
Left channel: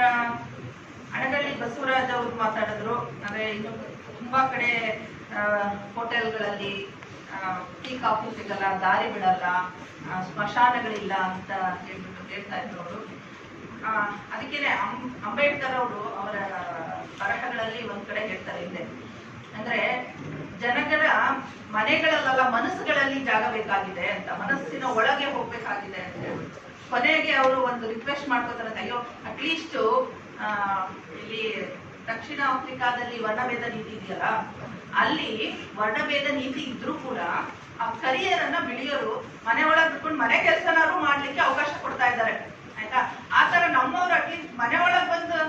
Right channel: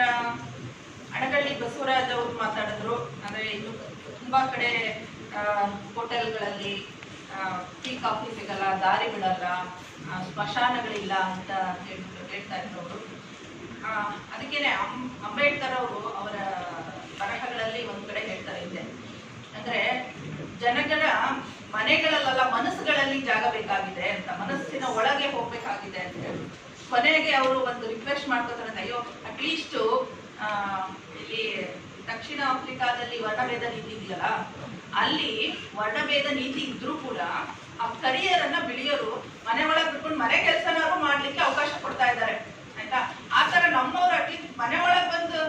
[SPEAKER 2] ಅಣಗಳ್ಳಿ ಬಸವರಾಜ್ ಅವರು ಮಾತಾಡಿದ್ರು. ಅಂದ್ರೆ ಇನ್ನು ತುಂಬಾ ಕಡೆ ಹೋಟೆಲ್ಗಳಲ್ಲಿ ಟೀ, ಕಾಫಿ, ಸಿಗಲ್ಲ, ದಾರಿ ಬಿಡಲ್ಲ ಸ್ಮಶಾನಗಳಿಲ್ಲ ಅಂತ ಹೇಳ್ಬಿಟ್ಟು ಹೇಳ್ತಾ ಇದ್ರು ಅದಕ್ಕೇನೆ ಅಂಬೇಡ್ಕರ್ ಅವರು ಅವರ ಬರಹಗಳಲ್ಲಿ ಒಂದ್ ಕಡೆ ಹೇಳ್ತಾರೆ ಇದ್ದೆ ಅಂದ್ರೆ ಜನಗಳ ಮನೆಗಳಲ್ಲೆಲ್ಲ ಮನಸ್ಸುಗಳಲ್ಲಿ ಜಾಗ ಬೇಕಾಗಿದೆ ಅಂತ, ಮನಸ್ಸಿನ ಒಳಗೆ ಹೋಗ್ಬೇಕಾಗಿದೆ ಅಂತ ಕೊನೆಗೆ ಅವರು ಒಂದು ರಿಕ್ವೆಸ್ಟ್ ಮಾಡ್ಕೋತಾರೆ, ಅಯ್ಯೋ ಅಟ್ಲೀಸ್ಟ್ ಇಲ್ಲಿ ದಕ್ಷಿಣ ಆಫ್ರಿಕಾದಲ್ಲಿ ವರ್ಣಭೇದ ನೀತಿ ಇದೆಯಲ್ಲ ಅಲ್ಲಿ ವರ್ಣಭೇದ ನೀತಿ ಇದ್ರೂ ಕೂಡ ಆ ಕರಿಯರ್ ಅನ್ನ ಬಿಳಿಯರು ಮನೆ ಒಳಗೆ ಬಿಟ್ಕೊಂಡು ಮನೆ ಕೆಲಸನಾರು ಮಾಡ್ಲಿಕ್ಕೆ ಅವಕಾಶ ಕೊಡ್ತಾ ಇದ್ದಾರೆ, ಆಯ್ತಾ? ಆ ತರ ನಮ್ಮವ್ರು ಅಟ್ಲೀಸ್ಟ್ ಮನೆ ಒಳಗೆ ಬಂದು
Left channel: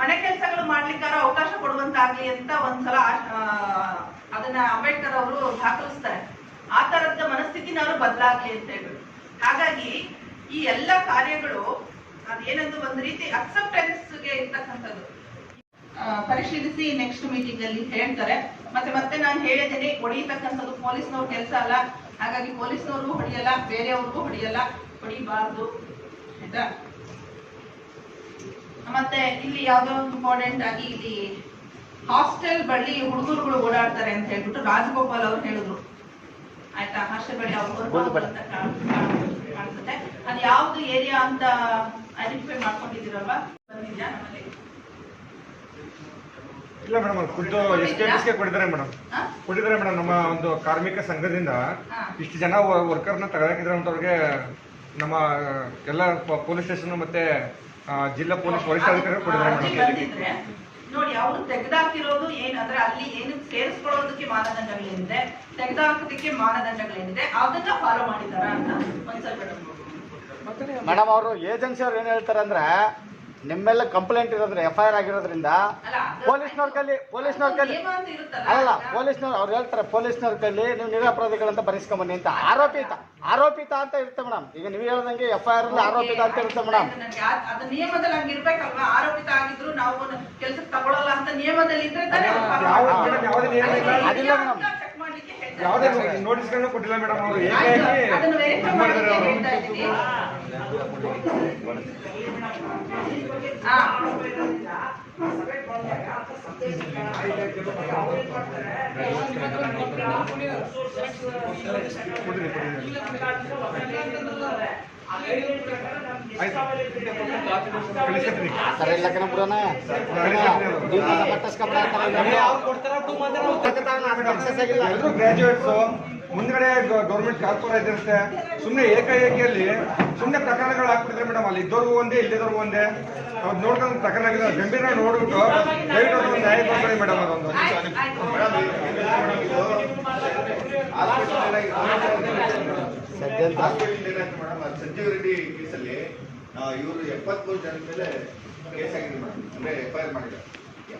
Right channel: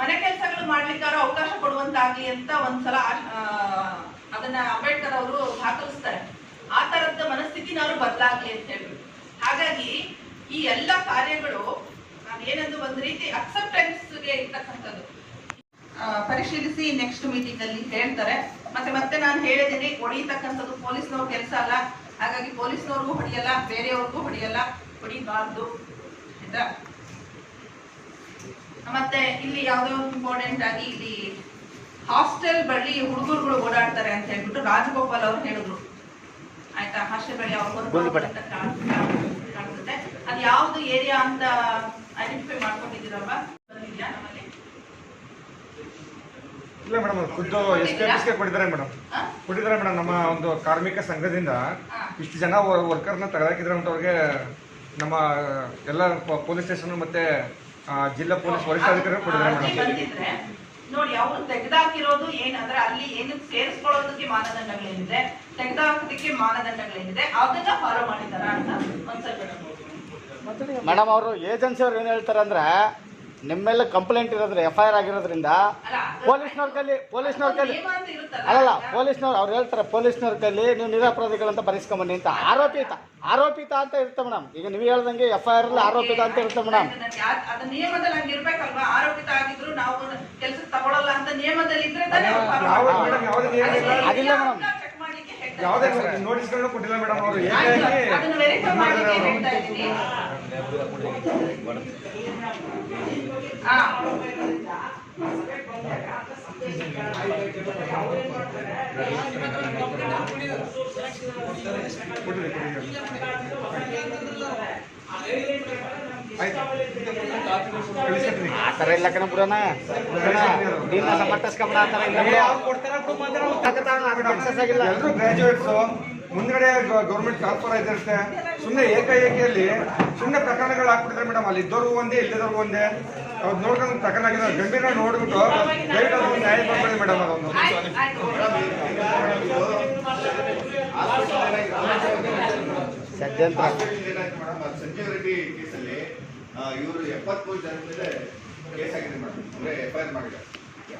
[SPEAKER 2] ಮನೆ ಕೆಲಸಗಳು ಮಾಡ್ಲಿಕ್ಕಾರ ಅವಕಾಶ ಕೊಡುವಂತಾಗ್ಲಿ ಅಂತ ಒಂದ್ಸಲ ಅದನ್ನ ಅಂಬೇಡ್ಕರ್ ಅವರು ದಾಖಲಿಸ್ತಾರೆ. ಆ ತರದ ಮನಸ್ಥಿತಿನಾರು ಬದಲಾಗ್ಲಿ ಅಂತ ಹೇಳ್ಬಿಟ್ಟು. ಹಾಗಾಗಿ ಈ ಎಲ್ಲ ಕಾರ್ಯಗಳು ಅದೇನಂದು ಒಂದ್ ರೀತಿ ಅಕ್ಸೆಪ್ಟೆನ್ಸ್ಗೆ ಇರ್ತಕ್ಕಂಥದ್ದು. ಪರಿಶೀಲಿಸಿ ನೆಕ್ಸ್ಟ್ ಮೀಟಿಂಗ್ ಅಲ್ಲಿ ಹೇಳ್ತಾರೆ. ಮತ್ತೆ ಮತ್ತೆ ನಾನು ಹೇಳಿದ್ದೀನಿ ಹೊಡಿತಕ್ಕಂಥದ್ದು ಪೊಲೀಸ್ನವ್ರ ಕೆಲಸ ಅಲ್ಲ. ಹಾಗಾಗಿ ಪೊಲೀಸ್ನವ್ರಿಗೂ ಹೊಡಿಯಲ್ಲ ಬೇರೆಯವ್ರಿಗೂ ಹೊಡಿಯಲ್ಲ. ಹೊಡಿಬಾರ್ದು. ಆಯ್ತಾ? ಮತ್ತೆ ಇಲ್ಲಿ ಯಾವ್ದೋ ಇಂಪಾರ್ಟೆಂಟ್ ಆಗಿ ಇಲ್ಲಿ ಹಾಸ್ಟೆಲ್ ಬಳಿ ಹುಡುಗರುಗಳು ಓಡಾಡ್ತಾರೆ ಅಂತ ಹೇಳ್ಬಿಟ್ಟು ರಾಜಗೋಪಾಲ್ ಅವ್ರು ಹೇಳಿದ್ರು. ಆಯ್ತಾ? ಹಾಸ್ಟೆಲ್ ಬಳಿ ಅವ್ರು ಅಂತ ಕಾಣ್- ಕಾಣ್- ಅದು ಯಾವ್ದು ಏರಿಯಾ ಅಂತ ಐಡೆಂಟಿಫೈ ಮಾಡ್ಕೊಂಡಿದ್ದೀರಲ್ವಾ? ಬಂದಿದ್ಯಾ ನಮ್ಮಲ್ಲಿ?
[SPEAKER 5] ಇಲ್ಲ ಮೇಡಮ್ ಖುದ್ದು ಎಸ್ ಕೆ ಕೊಟ್ಟಿದ್ದಾರೆ ಮೇಡಮ್. ಕೊಟ್ಟಿದ್ದಾರೆ ಮೇಡಮ್ ನಮ್ಮ ಒಂದು ಕಾರ್ಮಿಕ ಸಂಘದಿಂದ. ಇಷ್ಟು ಜನ ವರ್ಕರ್ನ ತಗೊಳಕಿದ್ರೆ ಅಂತ ಅವ್ರಿಗೆ ನಮ್ಮ ಎಲ್ಲ ಪೊಲೀಸ್ ಸ್ಟೇಷನ್ ಮತ್ತೆ ಜಿಲ್ಲಾ ಪೊಲೀಸ್ ವರಿಷ್ಠಾಧಿಕಾರಿ ಕೊಟ್ಟಿದ್ದಾರೆ ಮೇಡಮ್.
[SPEAKER 2] ನೋಡಿ ಅವರು ತೆಗೆದಾಕಿರೋದು ಏನಂದ್ರೆ ಅಲ್ಲಿ ಏನು ಸೇರಿಸ್ಕೊಳ್ಳೋದಕ್ಕೆ ಮಾನದಂಡಗಳೇನಿದೆ ತೆಗೆದಾಕೋದಕ್ಕೆ ಮಾನದಂಡಗಳೇನಿದೆ ಅದನ್ನ ಫಾಲೋ ಮಾಡಿದಾರ ಅಂತ ಒಂದ್ಸಲ ಮೇಡಮ್
[SPEAKER 6] ಅವರು ಏಜೆನ್ಸಿ ಅವ್ರು ಏನ್ ಹೇಳ್ತಾರೆ ಅಂದ್ರೆ ನಿಮ್ಮೆಲ್ಲ ಕಂಪ್ಲೇಂಟ್ ಇರೋದ್ರೆ ಎಫ್ ಐ ಆರ್ ಆಗಿರೋದ್ರಿಂದ
[SPEAKER 2] ಅಲ್ಲ,
[SPEAKER 6] ಪೊಲೀಸ್ನವ್ರ ಕೈಲಿ ಪೊಲೀಸ್ನವ್ರ ಕೈಲಿ
[SPEAKER 2] ಈಗ-
[SPEAKER 6] ಪೊಲೀಸ್ನವ್ರು ಅವ್ರು ಹೇಳ್ತಾರೆ ಪೊಲೀಸ್ನವ್ರ ಕೈಲಿ ನೀವು ನಿರಾಪರಾಧಿಗಳಂತ ಬರೆಸ್ಕೊಂಬನ್ನಿ ಅಂತ. ಆರೋಪಿತ ಆರೋಪಿತ ಅಂತ ಇರುತ್ತೆ ಮೇಡಮ್. ಈಗ ನೀವು ಹೇಳ್ದಂಗೆ ಎಫ್ ಐ ಆರ್ ಅಲ್ಲಿ ಆರೋಪಿತ ಅಂತ ಇರುತ್ತೆ ಮೇಡಮ್. ಅದಿಲ್ಲ ಮೇಡಮ್.
[SPEAKER 5] ಯಾವುದೇ ನೋಟಿಸ್ಗಳನ್ನ ಕೊಟ್ಟಿಲ್ಲ ಮೇಡಮ್ ಅವರು.
[SPEAKER 2] ಆಯ್ತು,
[SPEAKER 6] ಇಲ್ಲ ಕಣ ಪುರಾಣ ಭೀಮಾ ಪಟ್ಟಿಸ್ಕೊಂಬಿಡ ಆಗಿಲ್ಲ
[SPEAKER 5] ಎಲ್ಲರೂ ಗ್ರಾಜುಯೇಟ್ಸ್ ಮುಂದ್ಗಡೆ ಗೌರ್ಮೆಂಟ್ ಕಾರ್ಪೊರೇಟ್ ಇದ್ದಂತೆ ಸುಮ್ಮನೆ ಏಕಾಏಕಿಯಲ್ಲಿ ಸುಮ್ಮನೆ ಪ್ರಕರಣಗಳು ಹಾಕ್ಬಿಟ್ಟಿದ್ರೆ ಮೇಡಮ್ ಅಲ್ಲಿ ಇದ್ದವ್ರಿಗೂ ಒಂದೇ ಇಲ್ಲದವ್ರಿಗೂ ಒಂದೇ. ಅವ್ರು ನೋಡ್ಕೊಂಡು ಪ್ರಕರಣ ಆಗಿದೆ ಗಂಭೀರ ನೋಡ್ಬಿಟ್ಟು ದಯವಿಟ್ಟು ಅದೊಂದು ನ್ಯಾಯ ಕೊಡ್ಬೇಡಿ ಮೇಡಮ್ ಅದೊಂದು.
[SPEAKER 7] ಹಾಸ್ಪಿಟಲ್ ಏನಾಯ್ತು ಮೇಡಮ್ ಸಂಜೀವ್ ರೆಡ್ಡಿ ಕೇಸಲ್ಲಿ ಇವರು ಎಪ್ಪತ್ಮೂರು ಜನ ಮೇಲೆ ಕೇಸ್ ಆಗಿದೆ ಮೇಡಮ್ ಅಂದ್ರೆ ಎಫ್ ಐ ಆರ್ ಮಾಡಿದ್ದಾರೆ.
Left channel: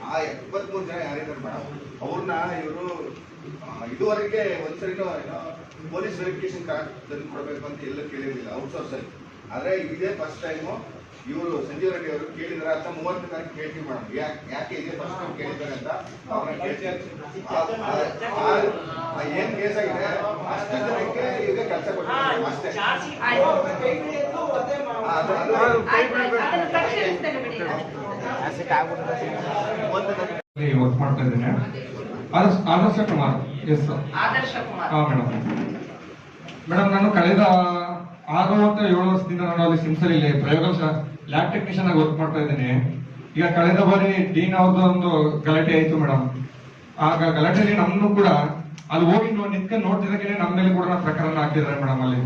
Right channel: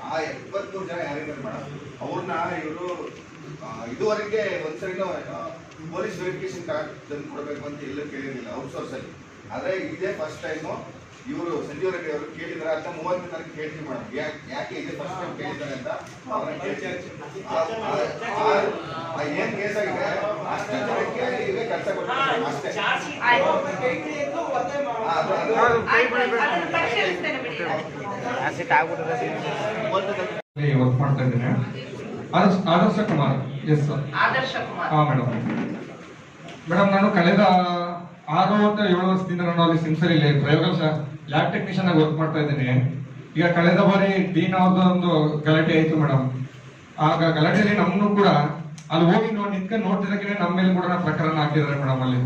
[SPEAKER 7] ಆ ಎಪ್ಪತ್ಮೂರು ಜನ ಯಾರಿದ್ದಾರೆ ಮೇಡಮ್ ಅವ್ರನ್ನ ಇವರು ಇದುವರೆಗೆ ಒಂದ್ಸರಿನೂ ಪೊಲೀಸ್ ವೆರಿಫಿಕೇಶನ್ ಕಾರ್ಡ್ ತಂದು ಕೊಡಬೇಕು ಅಂತ ಎಲ್ಲ ಕೇಳಿರಲಿಲ್ಲ ಔಟ್ಸೋರ್ಸ್ ಅಲ್ಲಿ ಆದ್ರೆ ಇದೇ ಫಸ್ಟ್ ಟೈಮು ಇವರು ಸಂಜೀವ್ ರೆಡ್ಡಿ ಅವರು ಕೇಳಿದಾರೆ ಅಂತ ಮೂವತ್ತನೇ ತಾರೀಕು ಕೇಳ್ತೀವಿ ಮೇಡಮ್ ಯಾಕೆ ಯಾಕೆ ಇದೇ ಫಸ್ಟ್ ಟೈಮ್ ಕೇಳಿದ್ದಾರೆ ಅಂತ ಏನ್ ಕೇಸ್ ಆಗಿದೆ ಅಷ್ಟು ಜನಕ್ಕೆ ಈಗ ಕೆಲಸ ಕೊಟ್ಟಿದ್ದಾರೆ ಅಷ್ಟೇ ಮೂವತ್ತನೇ ತಾರೀಕು
[SPEAKER 8] ವರ್ಕ್ ಮಾಡ್ತಾ ಇದ್ದೇನೆ ಆದರ್ಶ ಕುಮಾರ್. ಎಸ್
[SPEAKER 2] ಆದರ್ಶ ಕುಮಾರ್.
[SPEAKER 8] ಹಾ ಮೇಡಮ್
[SPEAKER 5] ಮೇಡಮ್ ನಾನು ಕಳೆದ ಆರು ಅಥವಾ ಏಳು ವರ್ಷದಿಂದ ನಾನು ಅಲ್ಲಿ ಸಿಮ್ಸಲ್ಲಿ ಪ್ರಯೋಗಶಾಲ ಲ್ಯಾಬ್ ಟೆಕ್ನಿಷಿಯನ್ ಆಗಿ ವರ್ಕ್ ಮಾಡ್ತಾ ಇದ್ದೀನಿ. ಈಗ ಕಳೆದ ಬಾರಿ ಡೀನ್ ಅವ್ರದ್ದು ಒಂದು ಗಲಾಟೆ ಆಯ್ತು ಮೇಡಮ್ ಆಗ ಗಲಾಟೆಯಲ್ಲಿ ನಮ್ಮನ್ನು ಕೂಡ ಅಲ್ಲಿ ಹೋಗಿ ನೋಡಿ ನಿಂತ್ಕೊಂಡು ನೋಡ್ತಿದ್ದಕ್ಕೆ ನಮ್ಮ ಮೇಲೆ ಕೂಡ ಪ್ರಕರಣ ಹಾಕಿದ್ದಾರೆ ಮೇಡಮ್ ಅಲ್ಲಿ.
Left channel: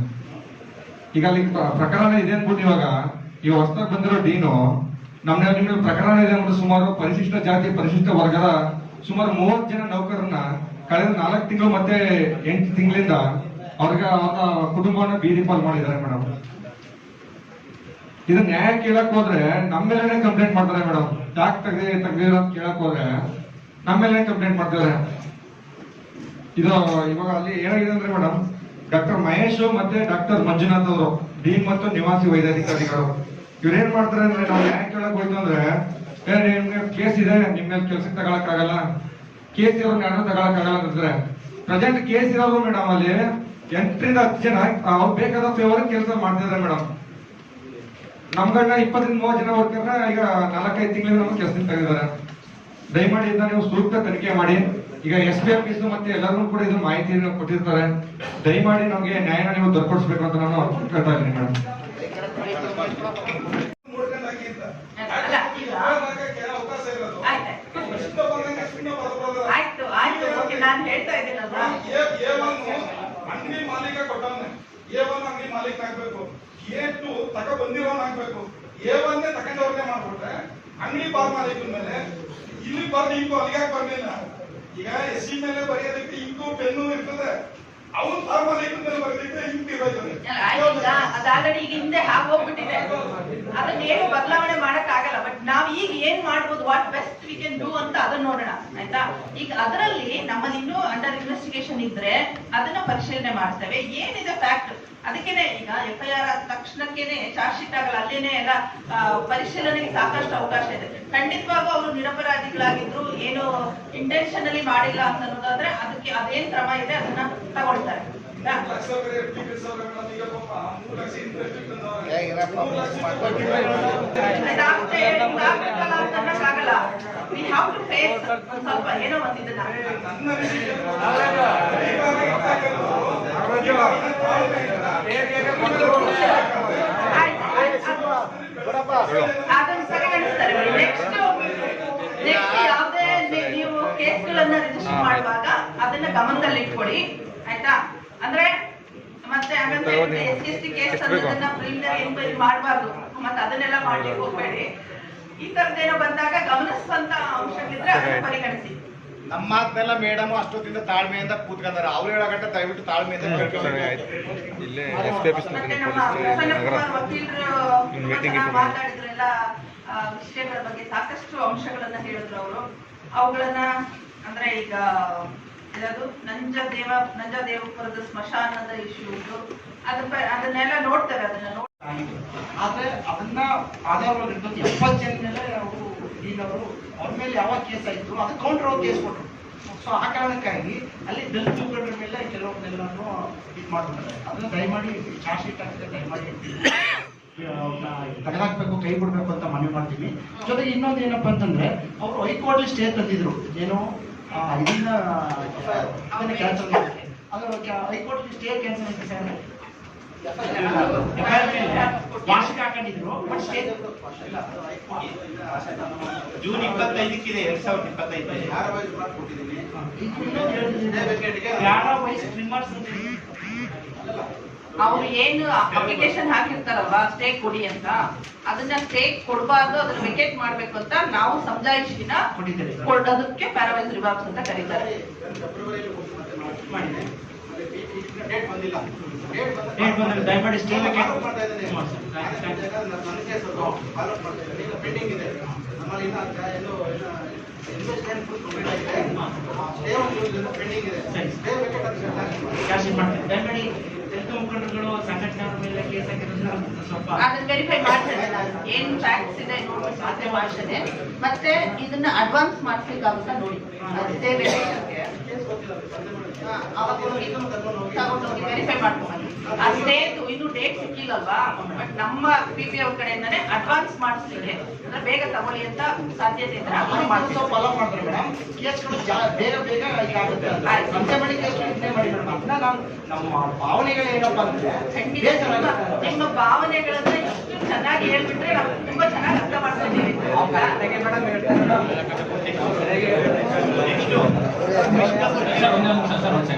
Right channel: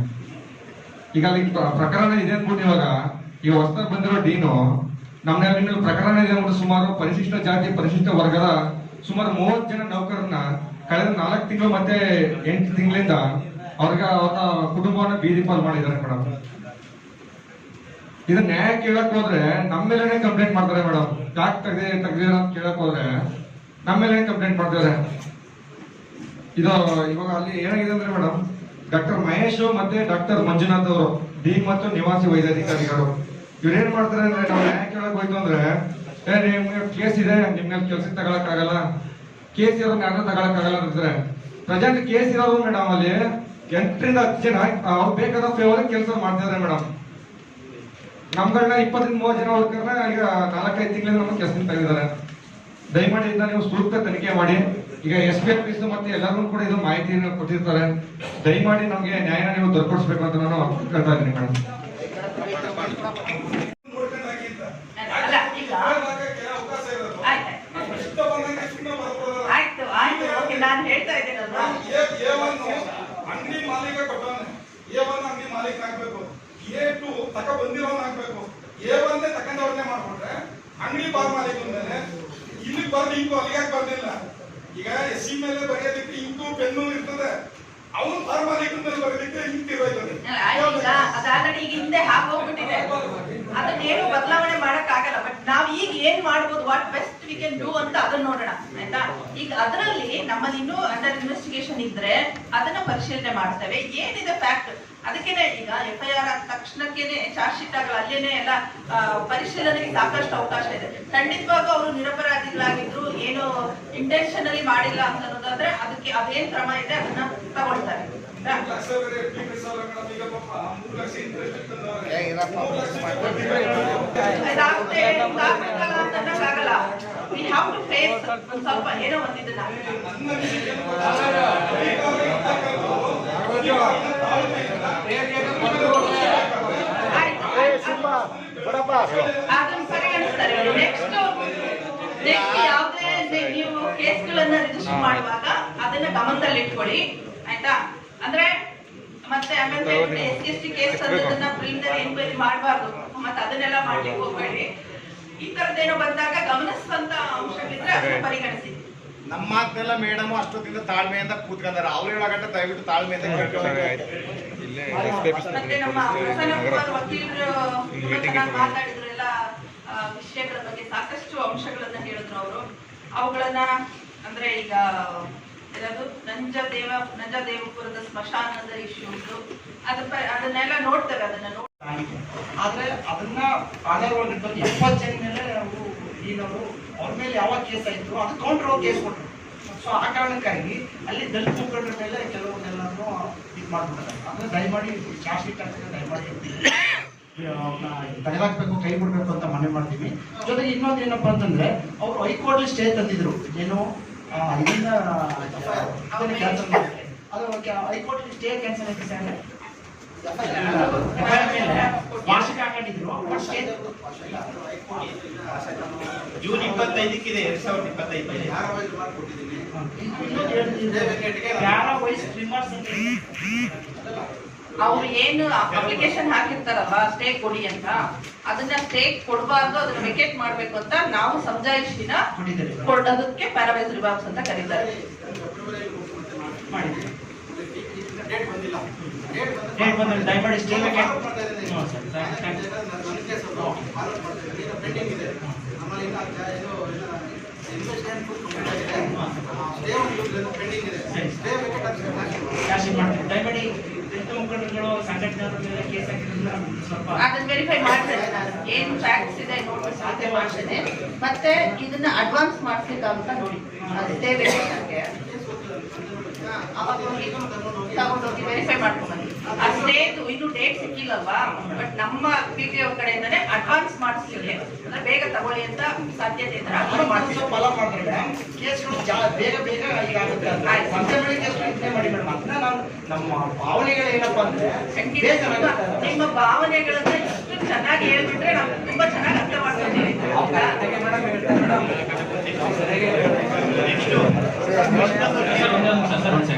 [SPEAKER 5] ಈಗ ಅಲ್ಲಿ ಪ್ರಕರಣ ಇದೆ ಅಂದ್ಬಿಟ್ಟು ಇವಾಗ ಈ ಹೊಸದಾಗಿ ಬಂದಿರೋ ಡೀನು ನಮ್ಮ ಮೇಲೆ ಪ್ರಕರಣ ಇದೆ ಅಂದ್ಬಿಟ್ಟು ಸುಮಾರು ಪರಿಶಿಷ್ಟ ಜಾತಿ ಪರಿಶಿಷ್ಟ ವರ್ಗದ ಸುಮಾರು ಮೂವತ್ತು ಜನ ನೌಕರನ್ನ ಕಳೆದ ನಾಲ್ಕು ತಿಂಗಳು ಮತ್ತೆ ಎಂಟು ತಿಂಗಳಿಂದ ಅವ್ರಿಗೆ ಅವರ ಕುಟುಂಬವನ್ನ ಬೀದಿ ಪಾಲ್ ಮಾಡಿದ್ದಾರೆ ಮೇಡಮ್ ಇದು ನ್ಯಾಯ ಕೇಳಕ್ ಹೋದ್ರೆ ನಮ್ಮ ಮೇಲೆನೆ ಕಂಪ್ಲೇಂಟ್ ಮಾಡ್ತಾರೆ ಮೇಡಮ್ ಯಾಕೆ ತೆಗ್ದಿ ತೆಗ್ದಿಲ್ಲ ಅಂತ ಕೇಳಕ್ ಹೋದ್ರೆ ನಮ್ಮ ಮೇಲೆ ಕಂಪ್ಲೇಂಟ್ ಮಾಡ್ತಾರೆ ಇದು ಇವಾಗ ಅಲ್ಲಿ ಏನಾಗಿದೆ ಅಂದ್ರೆ ಮೇಡಮ್ ಡಾಕ್ಟರ್ ಮಹೇಶ್ ಮತ್ತೆ ಡಾಕ್ಟರ್ ಮಂಜುನಾಥ್ ಅವರು ಡೀನ್ ಮತ್ತು ನಿವಾಸಿ ವೈದ್ಯಾಧಿಕಾರಿಗಳು. ಇವ್ರು ಏನ್ ಮಾಡ್ತಾರೆ ಅಂದ್ರೆ ನಾವು ನ್ಯಾಯ ಕೇಳಕ್ ಹೋಯ್ತು ಅಂದ್ರೆ ಏ, ನಿಮ್ಗೆ ಕೇಸ್ ಇದೆ ನಿಮ್ಗೆ ಕೆಲ್ಸಕ್ಕೆ ತಗೊಳಕ್ ಆಗಲ್ಲ ಕೇಸ್ ಇರೋ ಯಾರನ್ನ ತಗೊಳಕ್ ಆಗಲ್ಲ ಅಂತಾರೆ ಪ್ರೆಸೆಂಟ್ ಕೇಸ್ ಇರೋರು ಮೇಡಮ್ ಅಲ್ಲಿ ಎಂಟರಿಂದ ಹತ್ತು ಜನ, ಅವ್ರು ಬೇಕಾದ ಫೇವರ್ ಕೆಲಸ ಮಾಡ್ತಿದ್ದಾರೆ ಮೇಡಮ್. ನಮ್ಗಳನ್ನ ಇಪ್ಪತ್ತರಿಂದ ಮೂವತ್ತು ಜನ ವರ್ಕರ್ನ ಈಗ ನಾಲ್ಕೈದು ತಿಂಗಳಿಂದ ನಮ್ಮ ಕೆಲಸ ತೆಗೆದಿದ್ದಾರೆ ದಯಮಾಡಿ ನೀವು ಸೂಕ್ತ ತನಿಖೆ ಮಾಡಿ. ಈಗ ಎಸ್ ಪಿ ಆಫೀಸ್ ಮತ್ತೆ ಎಲ್ಲರೂ ಕೂಡ ಇದು ಮಾಹಿತಿಯನ್ನು ಕೊಟ್ಟಿರ್ತಾರೆ. ದಯಮಾಡಿ ನಮಗೆ ನ್ಯಾಯನ ನೀವು ದೊರಕಿಸ್ಬೇಕು ಅಂತ ನಾನು ಕೇಳ್ತಾ ಇದ್ದೀನಿ ಮೇಡಮ್
[SPEAKER 2] ಅಲ್ಲ, ಈಗ- ಆಯ್ತು ಆಯ್ತು ಓಕೆ ನಾನು ಹೇಳ್ತಾ ಇದ್ದೀನಲ್ವಾ
[SPEAKER 5] ಅಂಗಡಿ ಮಾಲೀಕ ಕೊಟ್ಟವನೆ ಎ ಅಂಗಡಿ ಮಾಲೀಕ ಆಗ್ಬೇಕು, ಎ ಟು ತಕ ಬಂದಿರೋನ್ ಆಗ್ಬೇಕು. ಎ ಒಂದೇ ತಕೊಂಡವ್ರನ್ನೇ ಮಾಡ್ಬಿಟ್ರೆ ಅಂಗಡಿ ಬಾರ್ ಮಾಲೀಕನ ಮೇಲೆ, ಇಲ್ಲಿ ಬರ್ದು ಇಂಕು ಅಲ್ಲಿಗೆ ಬರ್ಲಿಲ್ಲ? ಈಗ ಎಸ್ ಸಿ ಮೇಲೆ ಬರೆಯೋದಕ್ಕೆ ಇಂಕು ಪೆನ್ನು ಇರ್ತದೆ ಅವನು ಬಾರ್ ಬರಲಿಕ್ಕೆ
[SPEAKER 2] ಆಯ್ತಿಲ್ಲ ಅದು ಆಲ್ರೆಡಿ ಈಗ ಹಿಂದೆ ಹೋಗ್ಬಿಟ್ಟಿದೆ. ಅದನ್ನ ಏನು ಬದಲಾವಣೆ ಮಾಡಕ್ ಆಗಲ್ಲ ಬಟ್ ನಾವ್ ಈಗ ಏನ್ ಮಾಡ್ಬೋದು what best we can do ಅಂತ ಅದನ್ನ ನೋಡೋಣ, ಆಯ್ತಾ? ಈಗ ಅದರಲ್ಲಿ ನಮ್ಮಲ್ಲಿ ಇನ್ನೂ ಅಂಡರ್ ಇನ್ವೆಸ್ಟಿಗೇಷನ್ ಇದ್ರೆ ಅದನ್ನ ಪರಿಶೀಲನೆ ಮಾಡ್ತೇವೆ. ಏನಿದೆ ಫ್ಯಾಕ್ಟ್ ಅದಕ್ಕೇನೆ ಈಗ ಎಫ್ ಐ ಆರ್ ಆದ ತಕ್ಷಣಕ್ಕೇನೆ ಚಾರ್ಜ್ ಶೀಟ್ ಆಗಲ್ಲ ಅಲ್ಲೇನೆ ಎಲ್ಲ ಪರಿಶೀಲನೆಗೆ ಸಾಕಷ್ಟು ಅವಕಾಶ ಇದೆ. ಖಂಡಿತವಾಗೂ ಅವರು ನಿರಪರಾಧಿಗಳಾಗಿದ್ರು, ಏನು ಇಂಟೆನ್ಷನಲಿ ಮಾಡಿಲ್ಲ ಅಂತ ಅನ್ನೋದಾದ್ರೆ ಅದಕ್ಕೆ ಅದೇನ್ ಕ್ರಮ ಇದೆ ಅದನ್ನ ತಗೊಳ್ತಾರೆ. ಯಾವುದೇ ಕೇಸ್ಗಳನ್ನ ರಿಜಿಸ್ಟರ್ ಮಾಡುವಾಗ ಅದನ್ನ ಗಮನದಲ್ಲಿ ಇಟ್ಕೊಳ್ಳಿ ಆಯ್ತಾ? ಅಂದ್ರೆ ಮತ್ತೆ ಹಂಗಂತ S C S T case ತಂದದನ್ನ preliminary enquiry ಮಾಡಬಾರ್ದು. ಮತ್ತೆ ಅದನ್ನೆಲ್ಲ ಮಾಡ್ಲಿಕ್ಕೆ ಹೋಗ್ಬೇಡಿ. ಈ ತರದ್ದೇನೋ ಬಂದಾಗ ಗಮನಿಸುವಂತ ಅಂಶಗಳಿದ್ರೆ ಅದನ್ನ ಪರಿಗಣಿಸಿ.
[SPEAKER 6] ನಮ್ಮ ಮಾತನ್ನೆಲ್ಲ ಮೇಡಮ್ ಅಷ್ಟೊತ್ತಿಂದ ತಾಳ್ಮೆಯಿಂದ ಕೂತ್ಕೊಂಡಾರ. ಅವ್ರು ಹೇಳಗಟ್ಟ ದಯವಿಟ್ಟು ತಾಳ್ಮೆಯಿಂದ ಮಾತಾಡಿದ್ರೆಲ್ಲ
[SPEAKER 2] ಮತ್ತೆ ನಮ್ಮ ಪ್ರಸನ್ನ ಕುಮಾರ್ ವಕೀಲರು ಆ, ವಿಷಯಗಳ ಬಗ್ಗೆ ಸಾಕಷ್ಟು ಅಂಶಗಳನ್ನ ಹೇಳಿದ್ರು ಅವರು. ಅವುಗಳನ್ನ ಅಂದ್ರೆ ಈಗ ಇರೋದು ನಂಜ ದೇವ ನಂಜ ದೇವಪುರದ ಸ್ಮಶಾನದ ಇಶ್ಯೂಸ್ ಅದ್ರ ಅದನ್ನೆಲ್ಲ ನೋಡ್ತಾರೆ, ಅದನ್ನ ನೋಡಿ
[SPEAKER 8] ಆದ್ರೆ ಅದನ್ನ ಆಧಾರವಾಗಿರ್ತದೆ ಎಪ್ಪತ್ತು ಜನ ಮೇಲೆ ಅವರು ಅವರು ಅವ್ರ ಮೇಲೆ ಯಾವಾಗ ಕೇಸ್ ಆಯ್ತು, ಅದು ಕೌಂಟರ್ ಅವ್ರು ಕೇಸ್ ಕೊಟ್ಟರು ಸೊ ಆ ಕಾರಣಕ್ಕಾಗಿ ಅಲ್ಲಿ ದಲಿತ ಮುಖಂಡರ ಮೇಲೆ ಕೆಲವೊಂದೆಲ್ಲನೂ ಇದು ಮಾಡ್ಬಿಡ್ತಾರೆ ಅದನ್ನ ದಯಮಾಡಿ ಚಾರ್ಜ್ ಶೀಟ್ ಹಾಕಿದ್ರೆ ದಯಮಾಡಿ ತೆಗೆದಾಕ್ಬೇಕು ಕೈ ಬಿಡ್ಬೇಕು ಅಂತ ಮನವಿ ಮಾಡ್ತೀವಿ ಜೊತೆಗೆ ಇನ್ನೊಂದು ಏನಪ್ಪಾ ಅಂತಂದ್ರೆ, ಅವರು ಹೈಕೋರ್ಟ್ ಸ್ಟೇ ತಂದಿದ್ರು. ಏನು ಅದನ್ನ ಕ್ಯಾನ್ಸಲ್ ಮಾಡಿ. ಅದು ಹೈಕೋರ್ಟ್ ಸ್ಟೇ ಕ್ಯಾನ್ಸಲ್ ಸರ್? ವಾರ್ಷಿಕ ಹಾಕೊಂಡಿದ್ರು ಬಟ್ ಸ್ಟೇ
[SPEAKER 9] ಜೂನ್ ಇಪ್ಪತ್ತೈದಕ್ಕಿದೆ ಎರಡ್ ಸಾವಿರದ ಇಪ್ಪತ್ತೈದು
[SPEAKER 2] ಅವ್ರು ಏನು ಅಪ್ಲಿಕೇಶನ್ ಹಾಕಿರ್ತಾರಲ್ವಾ ಸ್ಟೇ ಕೊಡಿ ಅಂತ ಅದನ್ನ ಸ್ಟೇ ಕೊಡಬಾರ್ದು ಅದನ್ನ ವೆಕೇಟ್ ಮಾಡ್ಬೇಕು ಅಂತ ನಾವು ಸಮಜಾಯಿಷಿನ ಕೊಡೋದಕ್ಕೆ ಪ್ಯಾರಾವೈಸ್ ರಿವಾರ್ಡ್ಸ್ ಅಂತ ಕರೀತಾರೆ
[SPEAKER 4] ಇನ್ವೆಸ್ಟ್ಮೆಂಟ್ ಪೆಂಡಿಂಗ್ ಇದೆ
[SPEAKER 8] ದಲಿತ ಮುಖಂಡರುಗಳು ಸಂಘಟನೆಗಳ ಮೇಲೆ ಕೇಸ್ ಹಾಕಿದ್ರೆ ಸ್ವಲ್ಪ
[SPEAKER 2] ಅದನ್ನ ವೆರಿಫೈ ಮಾಡ್ತೇನೆ ನಾನು ಏನ್ ಫ್ಯಾಕ್ಟ್ಸ್ ಇದೆ ನೋಡ್ಬಿಟ್ಟು ಸಾಧ್ಯ ಮಾಡ್ತೇನೆ. ಮತ್ತೆ ಇದನ್ನ ಅಡ್ವಾನ್ಸ್ ಮಾಡಿಸ್ಲಿಕ್ಕಾಗುತ್ತಾ ನೋಡಿ. ಅಷ್ಟೇ ವೆರಿಫೈ ಮಾಡ್ಕೊಂಡು ಅಷ್ಟೇ ಇದು ಡೇಟ್ ಸಿಕ್ಕಿಲ್ಲಲ್ವಾ? ಬಟ್ ನಮ್ಮ ಪಿ ಪಿ ಅವ್ರ ಕಡೆಯಿಂದಾನೆ ಅಡ್ವಾನ್ಸ್ ಮಾಡಿಸ್ಲಿಕ್ಕೆ ಅಂದ್ರೆ ಬೇಗ ತಗೊಳ್ಳಿ ಅಂತ ಸಾಧ್ಯತೆ ಇದ್ದಾರೆ
[SPEAKER 8] ಫಾಲೋ ಮಾಡಿದ್ರೆ ಮೇಡಮ್ ಕೇಸ್ಗಳು ಬೇಗ ಬೇಗ ಇದಾಗುತ್ತೆ ಸಂತೆ ಬೆಳಿಗ್ಗೆ ಯೋಚನೆ ಮಾಡಿ ಮೇಡಮ್ ಅದನ್ನ ನಾವು ನಮ್ಮ ಭಾವನೆಗಳು
[SPEAKER 2] ಏನಪ್ಪ
[SPEAKER 8] ಅಂದ್ರೆ
[SPEAKER 2] ನಿಮ್ಮ ಭಾವನೆಗಳನ್ನ ಇಷ್ಟು ಚೆನ್ನಾಗಿ ಹೇಳ್ಬಿಟ್ರೆ ನಾವು ತುಂಬಾ ಚೆನ್ನಾಗಿ ಅರ್ಥ ಮಾಡ್ಕೊತೀವಿ.
[SPEAKER 8] ನೆಕ್ಸ್ಟ್ ಸರ್ ಒಂದೇ ನಿಮಿಷ ಸರ್ ಒಂದು